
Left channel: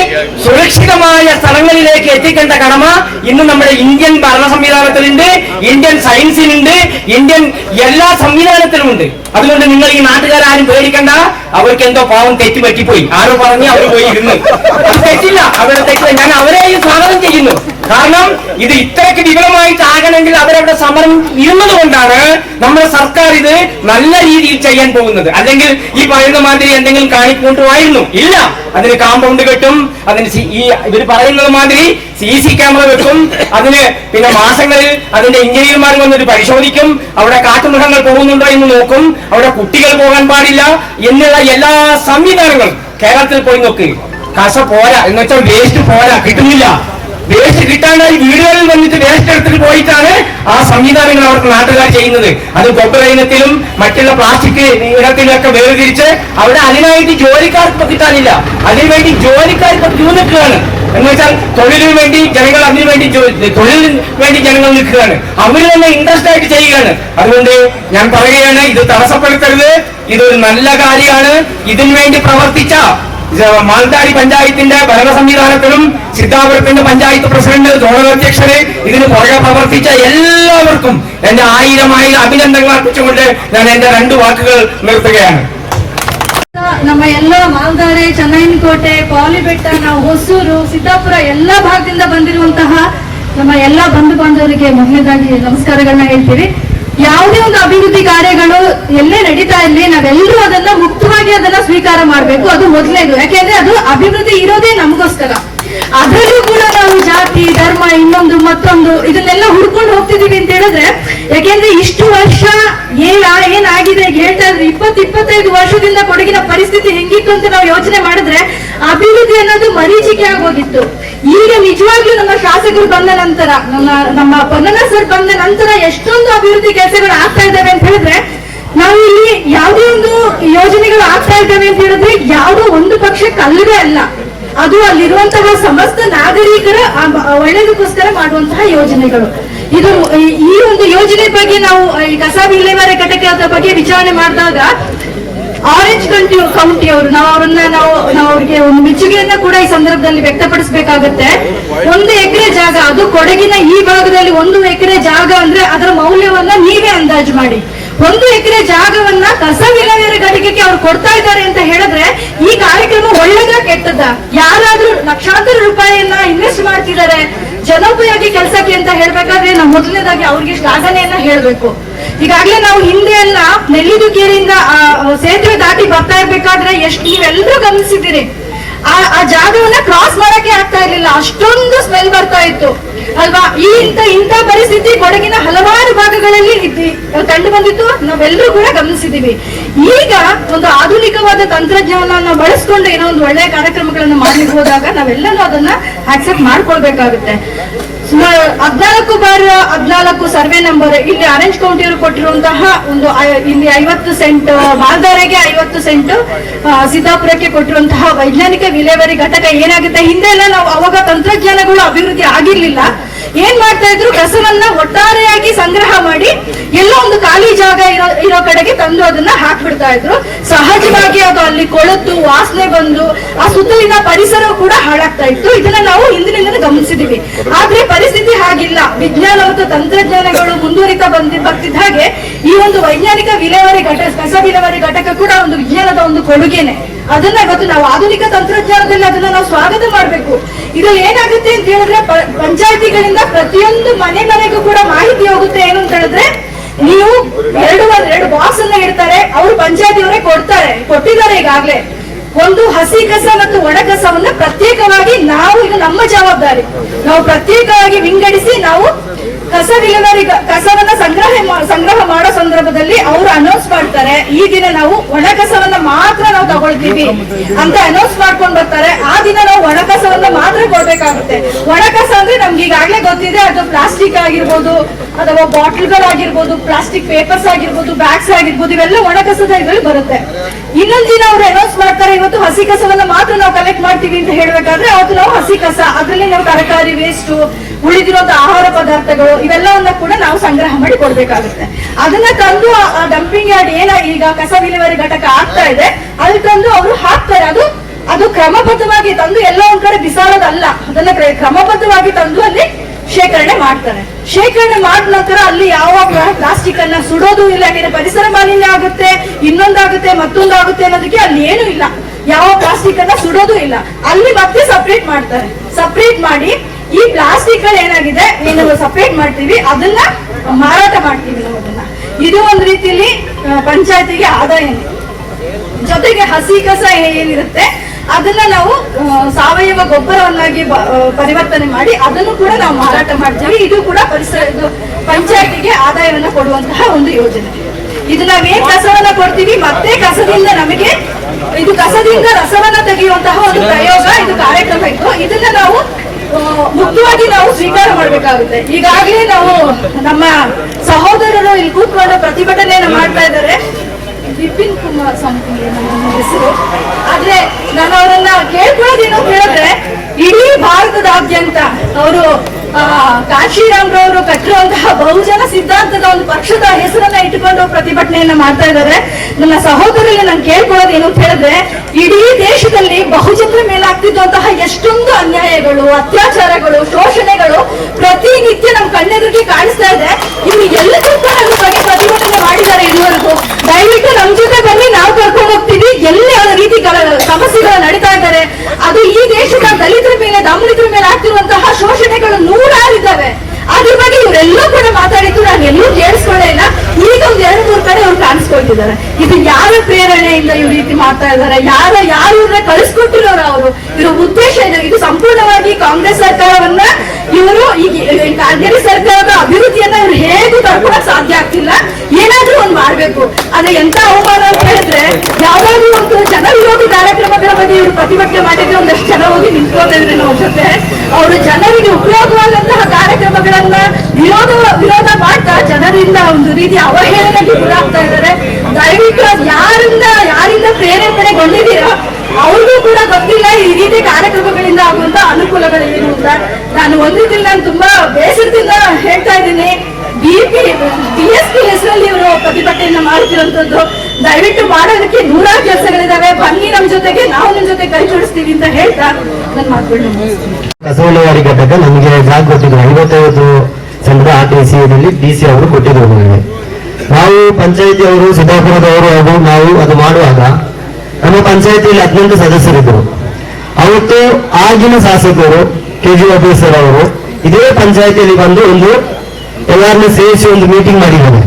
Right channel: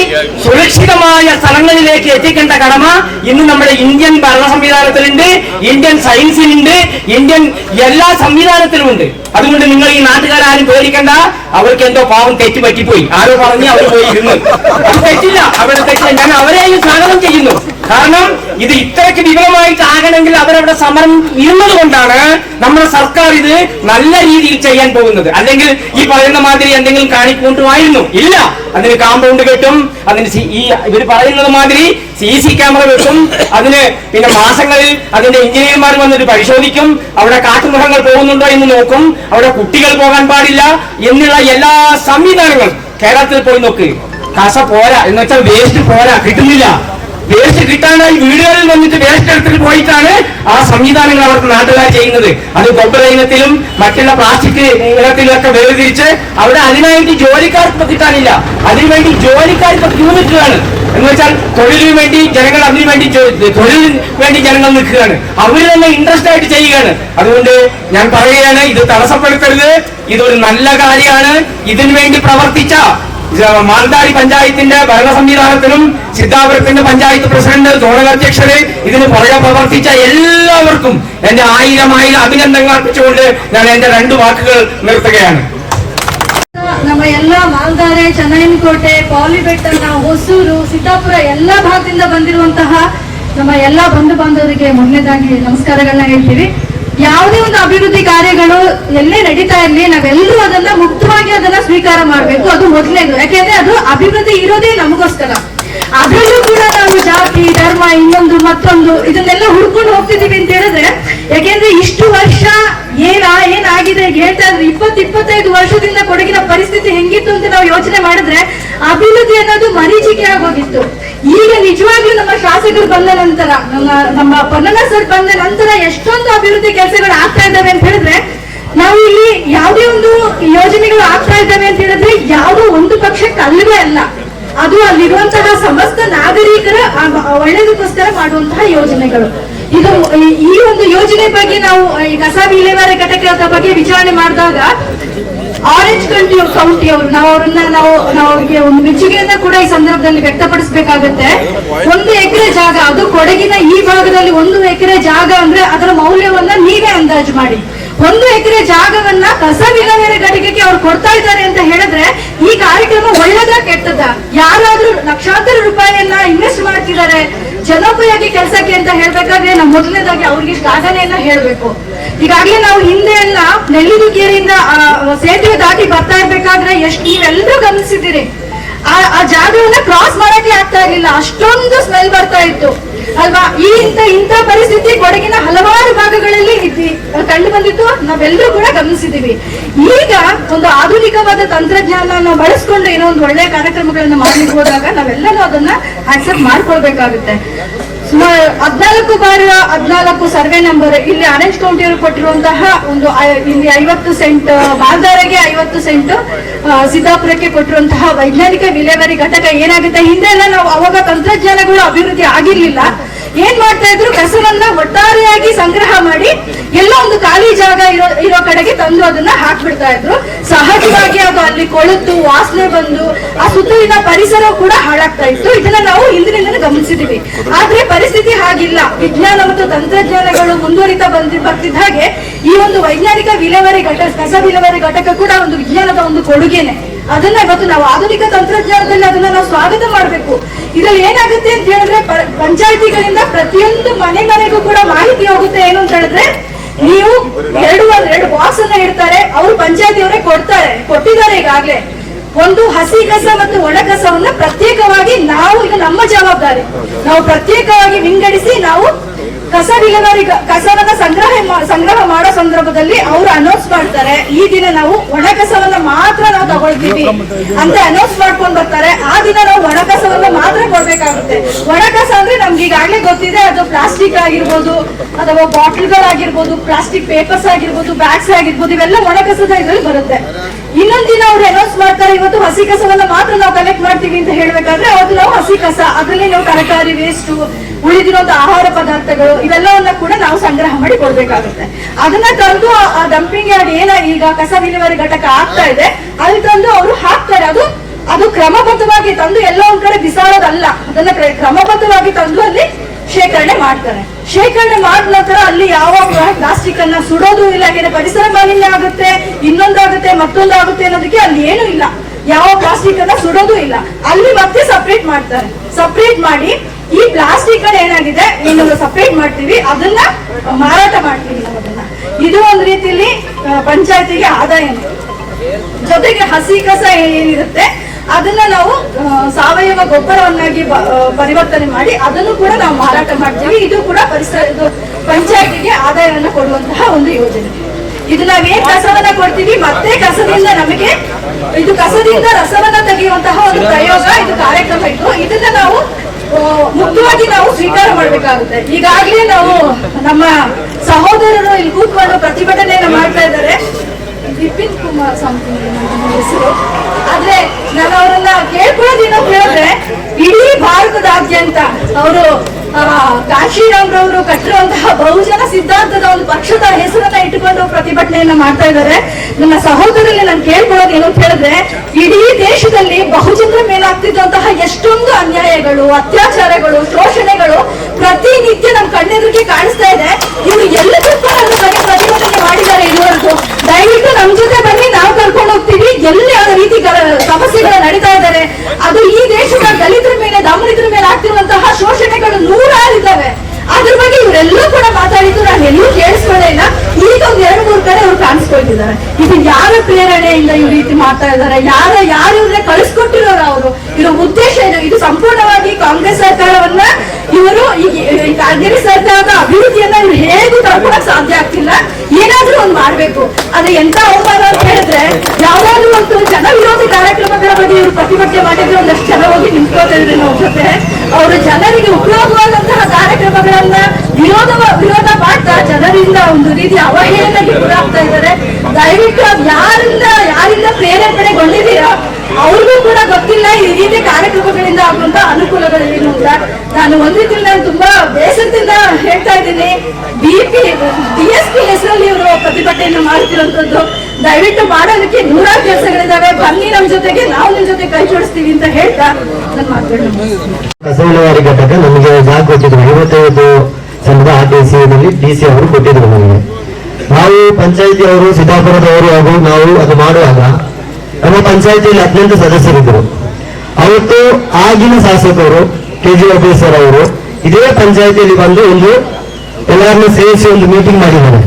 സുരക്ഷിതമായ സ്ഥലങ്ങളിലേക്ക് എത്തിക്കേണ്ട കടമ ഇന്ന് നമ്മുടെ ഇന്ത്യൻ ഭരണ സംവിധാനത്തിലുണ്ട് ഇന്ത്യൻ സയൻസിനുണ്ട് ഇന്ത്യൻ എല്ലാ സംവിധാനത്തിലുമുണ്ട്. അതുകൊണ്ട് നിങ്ങൾ ഈ നാട്ടുകാരും പേടിക്കണ്ട. അവർക്ക് എന്തോ പാവം തെറ്റ് പറ്റിപ്പോയി ആരോ പറഞ്ഞ് അവർ പോയി ഇരുന്ന്. അത് തെറ്റില്ല. അവരുടെ തെറ്റില്ല. ഞാൻ അവരെയും സ്വാഗതം ചെയ്യുന്നു. കാരണം ഇത് ഇത്രയ്ക്ക് വിപുലമായിട്ട് ആകണമെങ്കിൽ അവരവിടെ സമരം ഇരുന്നത് കൊണ്ടാണ് നമ്മുടെ സർക്കാർ ഇത് നല്ല രീതിയിൽ ചെയ്യാൻ പോകുന്നത്. അല്ലെങ്കിൽ ഈ പറയുന്ന മാതിരി എന്തെങ്കിലും കാണിക്കൊണ്ടുമായിരുന്നു ഇല്ല. അതിന് കാമ്പൗണ്ട് കെട്ടും. അതിന് ഈ ഇവർ പറയുന്നത് മാതിരി സി സി ക്യാമറ വെക്കും. അതിന് പിന്നെ മാസങ്ങളിൽ അതിന്റെ എഞ്ചിനീയർമാർ വന്നിട്ട് പരിശോധിക്കും. അവിടെ കാട്ടുമൃഗങ്ങൾ പോകുന്നുണ്ടോ എന്ന് നോക്കും. അവിടെ കുട്ടികൾ പോകാൻ പാടില്ല എന്നുള്ള എല്ലാ സംവിധാനങ്ങളും കേരളത്തിൽ പോയി നോക്ക്. കസ പോരാ. എന്നുവെച്ചാൽ വേസ്റ്റ് പോരാ. കിട്ടുന്നില്ല. വേസ്റ്റ് കിട്ടാണ്ടായി വീടുകളിൽ വന്നിട്ട് വേസ്റ്റ് എടുത്തിട്ട് പോയിട്ടാണ് ആ സംവിധാനങ്ങൾ അവർക്ക് നാട്ടുകാർ ചെയ്യുന്നത്. അത് ഗൊബ്ബര ഇനത്തിലും മറ്റുള്ള പ്ലാസ്റ്റിക് ഇനത്തിലും ഒക്കെ വേർതിരിച്ച് അവിടെ അതിനായിട്ട് ജോലിക്കാർക്ക് കിട്ടാനില്ല അതിനുവേണ്ടി ജോലിക്കാർക്ക് ക്യൂ നിൽക്കുകയാണ് എന്ന് വെച്ചാൽ തൊഴിലിന് വേണ്ടി ജനങ്ങൾ അതിനു വേണ്ടി തൊഴിലിന് വേണ്ടി ജനങ്ങൾ നിൽക്കുകയാണ്. അവർ തന്നെ ഇൻട്രസ്റ്റ് ആയിട്ട് ചെയ്യുകയാണ്. അതുകൊണ്ട് ഞാൻ പറയുകയാണ് ഇത് തടസ്സപ്പെടുത്തരുത്. ഇതൊരു നല്ല കാര്യമാണ്. ഇതിനു വേണ്ടി പ്രവർത്തിച്ച ഇത് മാനന്തവാടി പഞ്ചായത്തിന്റെ ഭരണ സംവിധാനത്തിലും സിദ്ധാപുരത്തിന്റെ പഞ്ചായത്ത് പ്രസിഡന്റ് സോണൽ അധ്യക്ഷര് ഇതിന് പുറകെ പ്രവർത്തിച്ച എല്ലാവർക്കും എന്റെ ആയിരം ആയിരം അഭിനന്ദനങ്ങൾ അർപ്പിച്ചുകൊണ്ട് ഞാൻ എന്റെ രണ്ട് വാക്കുകൾ നിർത്തുകയാണ് ನಮ್ಮ ಎಲ್ಲ ಮಾಲ್ದಾರೆ ಚನ್ನಯ್ಯನಕೋಟೆ ಪಾಲಿಬೆಟ್ಟ ನಾವು ಹೊಸೂರು ಸಿದ್ದಾಪುರ ಎಲ್ಲಾ ಭಾಗದಿಂದ ಬಂದಿರುವಂತಹ ನಮ್ಮ ಎಲ್ಲಾ ಬಂಧು ಬಾಂಧವರಿಗೆ ಮೊದಲನೇದಾಗಿ ನಮಸ್ಕಾರಗಳನ್ನ ಹೇಳ್ತೀವಿ ಯಾವುದೇ ಒಂದು ಅಭಿವೃದ್ಧಿ ಕಾರ್ಯಗಳು ಎಲ್ಲೇ ನಡೀತಾ ಇರಲಿ, ನಾವೆಲ್ಲರೂ ಅದನ್ನ ಮುಕ್ತವಾಗಿ ಅದನ್ನ ಸ್ವೀಕಾರ ಮಾಡಬೇಕು. ಅದು ಮೊದಲೇದು. ಯಾಕೆಂದ್ರೆ ಅದು ಅಭಿವೃದ್ಧಿ ಇರೋದೇ ನಮಗೋಸ್ಕರ. ಅದರಲ್ಲೂ ಕೂಡ ನಾವು ಜಾತಿ, ಧರ್ಮ, ಇನ್ನೊಂದು ಮತ್ತೊಂದು ಇದನ್ನೆಲ್ಲ ಹುಡ್ಕೊಂಡು ಹೋಗ್ತಿದ್ದೀವಿ ಅಂತ ಹೇಳಿದ್ರೆ, ಯಾಕೆಂದ್ರೆ ಇಷ್ಟು ವರ್ಷ ಏನ ಏನಾಗಿದೆ ಹೇಳ್ತಾ ಇದ್ರೆ ಇಪ್ಪತ್ ಇಪ್ಪತ್ತೈದು ವರ್ಷದಿಂದ ಕೊಡಗಿನ ಪರಿಸ್ಥಿತಿ ಹೆಂಗಿತ್ತು ಅಂತ ನಾವು ಯೋಚನೆ ಮಾಡಿದ್ರೆ ಅಭಿವೃದ್ಧಿ ಅನ್ನೋದು ಮರೀಚಿಕೆ ಆಗೋಗಿತ್ತು. ಈಗ ನಿಜವಾಗ್ಲೂ ನಮ್ಮ ಶಾಸಕರು ಬಂದ ನಂತರ, ನಮ್ಮ ನಮ್ಮ ಸರ್ ಬಂದ ನಂತರ ಎಷ್ಟೊಂದು ಅಭಿವೃದ್ಧಿ ಕೆಲಸಗಳು ಆಗ್ತಾ ಇದ್ದಾವೆ ಅಂತ ಹೇಳಿದ್ರೆ, ನಾವು ಇಲ್ಲಿ ಯಾವುದೇ ಒಂದು ಯೋಜನೆಗಳು ಆಗ್ತಾ ಇದ್ದಾವೆ ಅಂತ ಹೇಳಿದ್ರೆ, ಯಾವುದೋ ಒಂದು ಪಕ್ಷಕ್ಕೆ ಅಲ್ಲವೇ ಅಲ್ಲ. ಅದು ಅಲ್ಲಿರುವಂತಹ ಸಮಸ್ತ ನಾಗರಿಕರ ಒಳ್ಳೆದಕ್ಕೋಸ್ಕರ ಮಾಡುವಂತಹ ಯೋಜನೆಗಳು. ಇದು ಈ- ಒಂದು ಯೋಜನೆ ಬಗ್ಗೆ ನಾವು ಈ ಕಸ ವಿಲೇವಾರಿ ಘಟಕದ ಬಗ್ಗೆ ವಿಚಾರಣೆ ಮಾಡಿದಾಗ ಆರೆಂಜ್ ಕೌಂಟಿ ಕೌಂಟಿ ಅವರು, ನಾವು ಅವರನ್ನ, ನಾವು ನಾವು ಅವರಿಗೆ ಒಂದು ಮೆಚ್ಚುಗೆಯನ್ನ ಕೂಡ ಈ ಸಂದರ್ಭದಲ್ಲಿ ವ್ಯಕ್ತಪಡಿಸಬೇಕಾಗತ್ತೆ. ಒಂದು ಎಕರೆ ಜಾಗ, ಅದು ಕೊಡಗಿನ ಈ ಭಾಗದಲ್ಲಿ ಒಂದು ಎಕರೆ ಜಾಗ ಅಂದ್ರೆ ಅದರ ಮೌಲ್ಯವನ್ನ ನೀವೇ ಅಂದಾಜು ಮಾಡಿ. ಒಂದು ಎಕರೆ ಜಾಗವನ್ನ ಕಸ ವಿಲೇವಾರಿ ಘಟಕಕ್ಕೆ ಅವ್ರು ಕೊಡ್ತಾ ಇದ್ದಾರೆ ಅಂತ ಹೇಳಿದ್ರೆ ಈ ಕಾರ್ಯಕ್ರಮ ಒಳ್ಳೇದ ಕೆಟ್ಟದ ಯಾರಾದ್ರೂ ಲಕ್ಷಾಂತರ ರೂಪಾಯಿಯನ್ನ ಇನ್ವೆಸ್ಟ್ ಮಾಡ್ತಿದ್ದಾರೆ ಜನೋಪಯೋಗಿ ಕೆಲಸಕ್ಕೆ ಅಂತ ಹೇಳ್ಬೇಕಾದ್ರೆ ನಾವು ಮೊದಲನೇದಾಗಿ ಅವ್ರಿಗೆ ಶ್ಲಾಘನೆಯನ್ನ ಹೇಳ್ಬೇಕು. ಈಗಾಗಲೇ ನಾವು ಹಿಂದೆ ಎಲ್ಲ ನೆಲ್ಲಿದುಕೇರಿಯಿಂದ ಕೇರಿಯಿಂದ ಸೇತುವೆ ದಾಟಿ ಬರ್ತಾ ಇರ್ಬೇಕಾದ್ರೆ ಎಷ್ಟು ನೀವೆಲ್ಲರೂ ಗಮನಿಸಿದ್ದೀರಿ. ಆ ಜಾಗವನ್ನ ಕ್ರಾಸ್ ಮಾಡಕ್ಕೆ ಆಗ್ತಾ ಇರ್ಲಿಲ್ಲ. ಅಷ್ಟೊಂದು ಸ್ಮೆಲ್ ಬರ್ತಾ ಇತ್ತು. ಅಲ್ವಾ? ಈ ಇಂತ ಇಂಥ ಪರಿಸ್ಥಿತಿ ಕೊಡಗಿನ ಹಲವಾರು ಭಾಗಗಳಲ್ಲಿ ಕಂಡು ಬಂದಿತ್ತು, ನಾವೆಲ್ಲರೂ ಕೂಡ ಗಮನಿಸಿದೀವಿ. ಈಗ ಒಂದು ಆಧುನಿಕವಾದ ತಂತ್ರಜ್ಞಾನ ಬಳಸ್ಕೊಂಡು ಏನೋ ಒಂದು ಒಳ್ಳೆಯ ಕಾರ್ಯಕ್ರಮಗಳನ್ನ ಮಾಡ್ಲಿಕ್ಕೆ ಹೋದಾಗ ನಾವೆಲ್ಲರೂ ಅದನ್ನ ಆಕ್ಸೆಪ್ಟ್ ಮಾಡ್ಕೊಳ್ಬೇಕಾಗುತ್ತೆ. ಹದ್ನಾಲ್ಕು ಬಾರ ಹದ್ನಾಲ್ಕು ಸರ್ವೆ ನಂಬರ್ ಇಲ್ಲಿ ಆರೆಂಜ್ ಕೌಂಟಿಯವರು ಕೊಟ್ಟಿರುವಂತಹ ಒಂದು ಇಲ್ಲಿ ಐವತ್ತು ಸೆಂಟ್ ಬಾಲ್ದಾರೆಗೆ ಐವತ್ತು ಸೆಂಟ್ ಸಿದ್ದಾಪುರಕ್ಕೆ ಕೊಟ್ಟಿರುವಂತಹ ವೈಜ್ಞಾನಿಕ ವಿಲೇವಾರಿ ಘಟಕ ಏನಾಗುತ್ತೆ? ಹಿಂದೆ ಎಲ್ಲ ನಾವು ಅವಾಗ ತಂತ್ರಜ್ಞಾನಗಳು ಅಭಿವೃದ್ಧಿ ಆಗಿರ್ಲಿಲ್ಲ. ಏನ್ ಮಾಡ್ತಾ ಇದ್ರು ಕಸವನ್ನ ಒಟ್ಟಾರೆಯಾಗಿ ಸಂಗ್ರಹ ಮಾಡಿ ಎಲ್ಲೋ ಒಂದು ಖಾಲಿ ಜಾಗ ಇರೋ ಇರೋ ಕಡೆಗೆ ತಂದು ಅದನ್ನ ಹಾಕ್ಬಿಡ್ತಾ ಇದ್ರು. ಸಹಜವಾಗಿ ಅದು ಅಲ್ಲಿ ಕೊಳತು, ವಾಸನೆ ಬಂದು, ಆ ಸುತ್ತಲಿನ ಪರಿಸರ ಕೂಡ ಹಾಳಾಗ್ತಾ ಇತ್ತು. ಇದನ್ನ ನಾವು ಹಿಂದಿನಿಂದ ಗಮನಿಸಿದೀವಿ. ಆದ್ರೆ ಪರಿಸ್ಥಿತಿ ಹಾಗಿಲ್ಲ. ವಿಜ್ಞಾನ ಮತ್ತು ತಂತ್ರಜ್ಞಾನಗಳು ಮುಂದುವರಿತಾ ಬಂದಿ, ಬರ್ತಿದ್ದ ಹಾಗೆ ಈ ಒಂದು ವೈಜ್ಞಾನಿಕ ವಿಲೇವಾರಿ ಘಟಕ, ಕಸ ವಿಲೇವಾರಿ ಘಟಕ ಕೂಡ ಒಂದು ವಿಜ್ಞಾನದ ಒಂದು ಕೊಡುಗೆನೆ. ಅದನ್ನ ಇವತ್ತು ನಾವು ಆಧುನಿಕ ತಂತ್ರಜ್ಞಾನದಲ್ಲಿ ಅದನ್ನ ನಾವು ಸ್ವಾಗತ ಮಾಡ್ಬೇಕು. ಇದ್ರಲ್ಲಿ ಏನಾಗುತ್ತೆ ಅಂತ ಹೇಳಿದ್ರೆ ಪಂಚಾಯತಿಗಳಿಂದ ಪ್ರತಿಯೊಂದು ಮನೆ ಮನೆಗೂ ಕೂಡ ಮಾಹಿತಿ ಹೋಗುತ್ತೆ ಏನು ಅಂತ ಹೇಳಿದ್ರೆ, ನೀವು ಎರಡು ಎರಡು ಬಾಕ್ಸ್ ಅನ್ನ ಇಡ್ತಾರೆ, ಅವರು ಪಂಚಾಯತಿಯವರೇ ಕೊಡ್ತಾರೆ, ಕೊಟ್ಟಿದ್ದಾರೆ ಈಗಾಗ್ಲೇ. ಒಂದು ಹಸಿ ಕಸ ಮತ್ತು ಒಣ ಕಸವನ್ನ ಪ್ರತ್ಯೇಕವಾಗಿ ನಾವು ಇದು ನಮ್ಮ ಜವಾಬ್ದಾರಿ. ನಾವು ಪ್ರತ್ಯೇಕವಾಗಿ ವಿಂಗಡಿಸಿ ನಾವು ಕಸ ವಿಲೇವಾರಿ ಕಸವನ್ನ ಸಂಗ್ರಹ ಸಂಗ್ರಹ ಮಾಡೋ ಸಂದರ್ಭದಲ್ಲಿ ಅವರು ಅನೌನ್ಸ್ ಮಾಡ್ತಾರೆ. ಈ ದಿನ ನಾವು ಒಣ ಕಸವನ್ನ ಮಾತ್ರ ನಾವು ತಗೊಳ್ತೀವಿ ಅಂತ ಅನೌನ್ಸ್ ಮಾಡ್ಕೊಂಡ್ ಬರ್ತಾರೆ. ಆ ದಿನ ನಾವು ಒಣ ಕಸವನ್ನ ಮಾತ್ರ ಕೊಡ್ಬೇಕಾಗುತ್ತೆ. ಒಣ ಕಸ ಅಂದ್ರೆ ನಮ್ಗೆ ಈಗಾಗಲೇ ಗೊತ್ತಿದೆ, ಅದು ಪ್ಲಾಸ್ಟಿಕ್ ಆಗಿರ್ಬೋದು ಅಥವಾ ಬಾಟಲ್ಗಳಾಗಿರ್ಬೋದು ಪ್ಲಾಸ್ಟಿಕ್ ಪೇಪರ್ಸ್ ಆಗಿರ್ಬೋದು ಬ್ಯಾಗ್ಸ್ ಆಗಿರ್ಬೋದು, ಇವೆಲ್ಲ ಒಣ ಕಸದ ಬರುತ್ತೆ. ಇನ್ನೊಂದ್ ದಿನ ಅವ್ರು ಅನೌನ್ಸ್ ಮಾಡ್ತಾರೆ ಇವತ್ತು ಹಸಿ ಕಸವನ್ನ ಮಾತ್ರ ನಾವು ಕಲೆಕ್ಟ್ ಮಾಡ್ತೀವಿ ಅಂತ ಹೇಳ್ಬೇಕಾದ್ರೆ ಅವತ್ತು ನಾವು ಹಸಿ ಕಸ. ಅದರಲ್ಲಿ ನಾವು ತರಕಾರಿ ವೇಸ್ಟ್ ಉಳಿದಿರುವಂತ ಆಹಾರ ಪದಾರ್ಥಗಳು ಇವೆಲ್ಲವನ್ನ ಕೂಡ ನಾವು ಸಂಗ್ರಹ ಮಾಡಿ ಕೊಡ್ಬೇಕಾಗುತ್ತೆ. ಅದನ್ನ ತಂದು ಆ ಡಂಪಿಂಗ್ ಯಾರ್ಡ್ ಏನ ಈಗ ಕಸ ವಿಲೇವಾರಿ ಘಟಕ ಆಗ್ತಾ ಇದೆ, ಅಲ್ಲಿ ತಂದು ಅವರು ಹಾಕ್ತಾರೆ. ಅದು ಅದು ಕ್ರಮಬದ್ಧವಾಗಿ ತಂದು ಎಲ್ಲ ಒಂದ್ ಕಡೆ ಬಿಸಾಡೋದಲ್ಲ. ಅದನ್ನ ಕ್ರ- ಕ್ರಮಬದ್ಧವಾಗಿ ತಂದು ಅಲ್ಲಿ ಶೇಖರಣೆ ಮಾಡ್ತಾರೆ. ಶೇಖರಣೆ ಮಾಡಿದ ನಂತರ ಅಲ್ಲಿ ಯಾವ ಪ್ಲಾಸ್ಟಿಕ್ ಅನ್ನ ಸುಡೋದು ಇಲ್ಲ ಪರಿಸರ ಮಾಲಿನ್ಯ ಆಗುತ್ತೆ, ಇನ್ನೊಂದಾಗುತ್ತೆ, ಮತ್ತೊಂದಾಗುತ್ತೆ ಅನ್ನೋದಕ್ಕೆ ಅಲ್ಲಿ ಏನು ಇಲ್ಲ. ಯಾವ ಪ್ಲಾಸ್ಟಿಕ್ ಅನ್ನ ಸುಡೋದು ಇಲ್ಲ. ಅಲ್ಲಿ ಮತ್ತೆ ಸಪ್ರೇಟ್ ಮಾಡ್ತಾರೆ. ಸಪ್ರೇಟ್ ಮಾಡಿ ಈ ಪ್ಲಾಸ್ಟಿಕ್ ಅಲ್ಲಿ ಏನಾಗಿದೆ? ಏನು ಸಪ್ರೇಟ್ ಮಾಡ್ತೀವಿ. ಅದನ್ನ ಮಾರಾಟ ಮಾಡ್ತೀವಿ ನಾವು ಅದನ್ನ. ಇದು ಒಂದ್ ರೀತಿಲಿ ಪಂಚಾಯತಿಗೆ ಆದಾಯ. ಜೊತೆಗೆ ಹಸಿ ಕಸ ಏನಿರುತ್ತೆ? ಅದನ್ನ ನಾವು ಸಾವಯವ ಗೊಬ್ಬರವನ್ನಾಗಿ ಪರಿವರ್ತನೆ ಮಾಡಿ ಅದನ್ನು ಕೂಡ ನಾವು ಮಾರಾಟ ಮಾಡ್ತೀವಿ. ಇದು ಕೂಡ ಪರಿಸರ, ಇದು ಪಂಚಾಯತಿಗೆ ಆದಾಯವನ್ನು ಕೊಡುವಂತಹ ಒಂದು ಯೋಜನೆ. ಇದು ನಾವೇನ್ ಕಸವನ್ನ ಕೊಡ್ತೀವಿ? ಮತ್ತೆ ಕಸದಿಂದ ನಮಗೆ ಇದು ಕಸದಿಂದ ರಸವನ್ನ ತೆಗೆಯುವಂತಹ ಒಂದು ಪ್ರಯೋಗ ಇದು ಕಾರ್ಯಕ್ರಮ ಇತ್ತು ಇದನ್ನ ನಾವು ಮುಕ್ತವಾಗಿ ನಾವು ಸ್ವೀಕಾರ ಮಾಡಬೇಕಾಗುತ್ತೆ. ಈಗಾಗಲೇ ನಾವು ನಮ್ಮ ಸಹೋದರರು ಇಲ್ಲಿ ಕೂತ್ಕೊಂಡು ಪ್ರತಿಭಟನೆಯನ್ನು ಮಾಡ್ತಾ ಇದ್ದಾರೆ. ವಿಪಿನ್ ಕುಮಾರ್ ಸ್ವಾಮಿ ಹೆಸರು. ಆದ್ರೆ ನಾನು ಅವರನ್ನ ಕೇಳ್ಕೊಳ್ಳೋದೇನೋ ಕೇಳಿದ್ರೆ ಹೇಳಿದ್ರೆ ಇಡೀ ಭಾರತದಾದ್ಯಂತ ಅವರು ಕಾಶಿರಾಮ್ರವರು ಕಟ್ಟಿರುವಂತಹ ಬಹುಜನ ಸಿದ್ಧಾಂತದ ಒಂದು ಪಕ್ಷದ ಹೆಸರನ್ನ ಇಟ್ಟುಕೊಂಡು ಪ್ರತಿಭಟನೆಯನ್ನ ಮಾಡ್ತಾ ಇದ್ದಾರೆ. ನನ್ನ ಸಹೋದರಲ್ಲಿ ನಾನು ಕೇಳ್ಕೊಳ್ಳೋದೇನು ಅಂತ ಹೇಳಿದ್ರೆ, ಇಡೀ ದೇಶದಲ್ಲಿ ಬಹುಜನರ ಮೇಲಾಗ್ತಿದ್ದಂತಹ ಎಷ್ಟೊಂದು ಅನ್ಯಾಯಗಳು, ಅತ್ಯಾಚಾರಗಳು, ಶೋಷಣೆಗಳು ಪ್ರತಿನಿತ್ಯ ನಮ್ಮ ಕಣ್ಣೆದುರಿಗೆ ಕಾಣಿಸ್ತಾ ಇದೆ. ಇವರು ಎಲ್ಲದಕ್ಕೂ ಪ್ರತಿಭಟನೆ ಮಾಡಿದ್ದಾರೆ ಇದುವರೆಗೂ ದಯವಿಟ್ಟು ನಮ್ಮ ಜೊತೆ ನಾವು ಕರ್ಕೊಂಡು ಹೋಗ್ತೀವಿ, ಎಲ್ಲಿ ಯಾವ ರೀತಿ ಸಮಸ್ಯೆಗಳು ನಡೀತಾ ಇದ್ದಾರೆ, ಅದು ಈ ದೇಶದ ದಲಿತರ ಮೇಲೆ ದಮನಿತರ ಮೇಲೆ ಆಗ್ತಿರುವಂತಹ ಶೋಷಣೆಗಳು ನೂರಾರಿದ್ದಾವೆ. ಅದ್ರ ಬಗ್ಗೆ ಇವರೆಲ್ಲೂ ಕೂಡ ಮಾತಾಡಿದ್ದು ನಾನು ಎಲ್ಲೂ ಕೇಳಿಸ್ಕೊಂಡೇ ಇಲ್ಲ. ಈಗ ಒಂದ್ ಎರಡು ಮೂರು ಕಡೆ ಅವ್ರು ಕಾಣಿಸ್ಕೊಳ್ತಿದ್ದಾರೆ. ಇದು ಯಾರ ಪ್ರೇರಣೆಯಿಂದ ಈ ರೀತಿ ಮಾಡ್ತಾ ಇದ್ದಾರೆ? ಯಾರ, ಯಾರು ಕಳಿಸ್ಕೊಟ್ಟಿರೋರು ಅವರು? ಇದ್ರ ಉದ್ದೇಶ ಇದು ಸಂಪೂರ್ಣವಾಗಿ ಕಾಂಗ್ರೆಸ್ ಸರ್ಕಾರವನ್ನ ಇವರು ಈಗ ಈ ಕಾಂಗ್ರೆಸ್ ಸರ್ಕಾರದ ಅಭಿವೃದ್ಧಿಯನ್ನ ಇವ್ರು ಹೇಗೂ ತಡ್ಕೊಳಕ್ ಸಾಧ್ಯ ಆಗ್ತಿಲ್ಲ. ಏನಾದ್ರೂ ಒಂದ್ ಮಾಡ್ಬೇಕು. ಆದ್ರೆ ಎಂತ ಅವಮಾನ ಅಂತ ಹೇಳಿದ್ರೆ ಯಾವ್ದಾದ್ರು ಒಂದು ಜನ ವಿರೋಧಿ ಕಾರ್ಯಕ್ರಮಗಳ ಬಗ್ಗೆ ಇವರು ಪ್ರತಿಭಟನೆ ಮಾಡಿದ್ರೆ ಒಂದಷ್ಟು ಜನ ಹೋಗಿ ನಿಂತ್ಕೊಂಡಿದ್ರೆ ಜೊತೆ. ಅವರು ಜನರಿಗೆ ಉಪಯೋಗವಾದಂತಹ ಕಾರ್ಯಕ್ರಮಗಳನ್ನ ವಿರೋಧ ವಿರೋಧ ಮಾಡ್ತಾ ಜನರಿಂದ ಒಂದು ರೀತಿ ಅವಹೇಳನಕ್ಕೆ ಗುರಾಗ್ತಾ ಇದ್ದಾರೆ. ದಯವಿಟ್ಟು ಅದು ಯಾರಿಂದ ಯಾರಿಂದ ಪ್ರೇರೇಪಣೆಗೊಂಡಿದ್ದೀರಾ ಅವ್ರಿಗೂ ಕೂಡ ಗೊತ್ತಿಲ್ಲ ಈ ರೀತಿ ಕಾರ್ಯಕ್ರಮಗಳಿಂದ ಆಗುವಂತ ಅನುಕೂಲಗಳೇನು ಅಂತ ನಾನು ಒಂದ್ ರೀತಿಯಲ್ಲಿ ನಾನು ತುಂಬಾ ಬೇಸರದಿಂದ ಹೇಳ್ತಾ ಇದ್ದೀನಿ. ಬಿಪಿ ಬಿ ಎಸ್ ಪಿ ಹೆಸರಲ್ಲಿ ಇವರು ಪ್ರತಿಭಟನೆಯನ್ನು ಮಾಡುತ್ತಿರುವಂತದ್ದು, ದಯವಿಟ್ಟು ಮಾಡೋದಕ್ಕೆ ನೂರಾರು ಕೆಲಸಗಳಿದಾವೆ. ಬನ್ನಿ ನಮ್ ಜೊತೆಗೆ, ನಾವು ನಿಮ್ ಜೊತೆ ಕೈ ಜೋಡಿಸ್ತೀವಿ ಅಂತ ಹೇಳ್ತಾ ನನ್ನ ಮಾತುಗಳನ್ನ ನಮಗೆ ಜಾಗ ಕೊಟ್ಟಿದ್ರು ಐವತ್ತೈವತ್ತು ಸಂಘದ R T C D C ಅವರು ಕೊಟ್ಟಿದ್ರು ನಮಗೆ. ನಾವು ಪಂಚಾಯಿತಿ ಅವರು ಸಿದ್ದಾಪುರದವರು ಹಾಗೂ ನಾವು ಅದು ಮಾಡುವಾಗ ನಮ್ಮ ಪಂಚಾಯತಿಯಲ್ಲಿ ಹದಿನೆಂಟು ಸದಸ್ಯರಿದ್ದರು. ಅವತ್ತು ಆಗಿನ ಶಾಸಕರು ಕೆ ಜಿ ಆಫೀಸರ್ ಅವರು ಇದೇ ಪಂಚಾಯತಿಯಲ್ಲಿ ಬಂದು ಒಂದು ಎಲ್ಲರನ್ನೂ ಸೇರಿಸಿ ಒಂದು ಮೀಟಿಂಗ್ ಮಾಡಿದ್ದಾರೆ.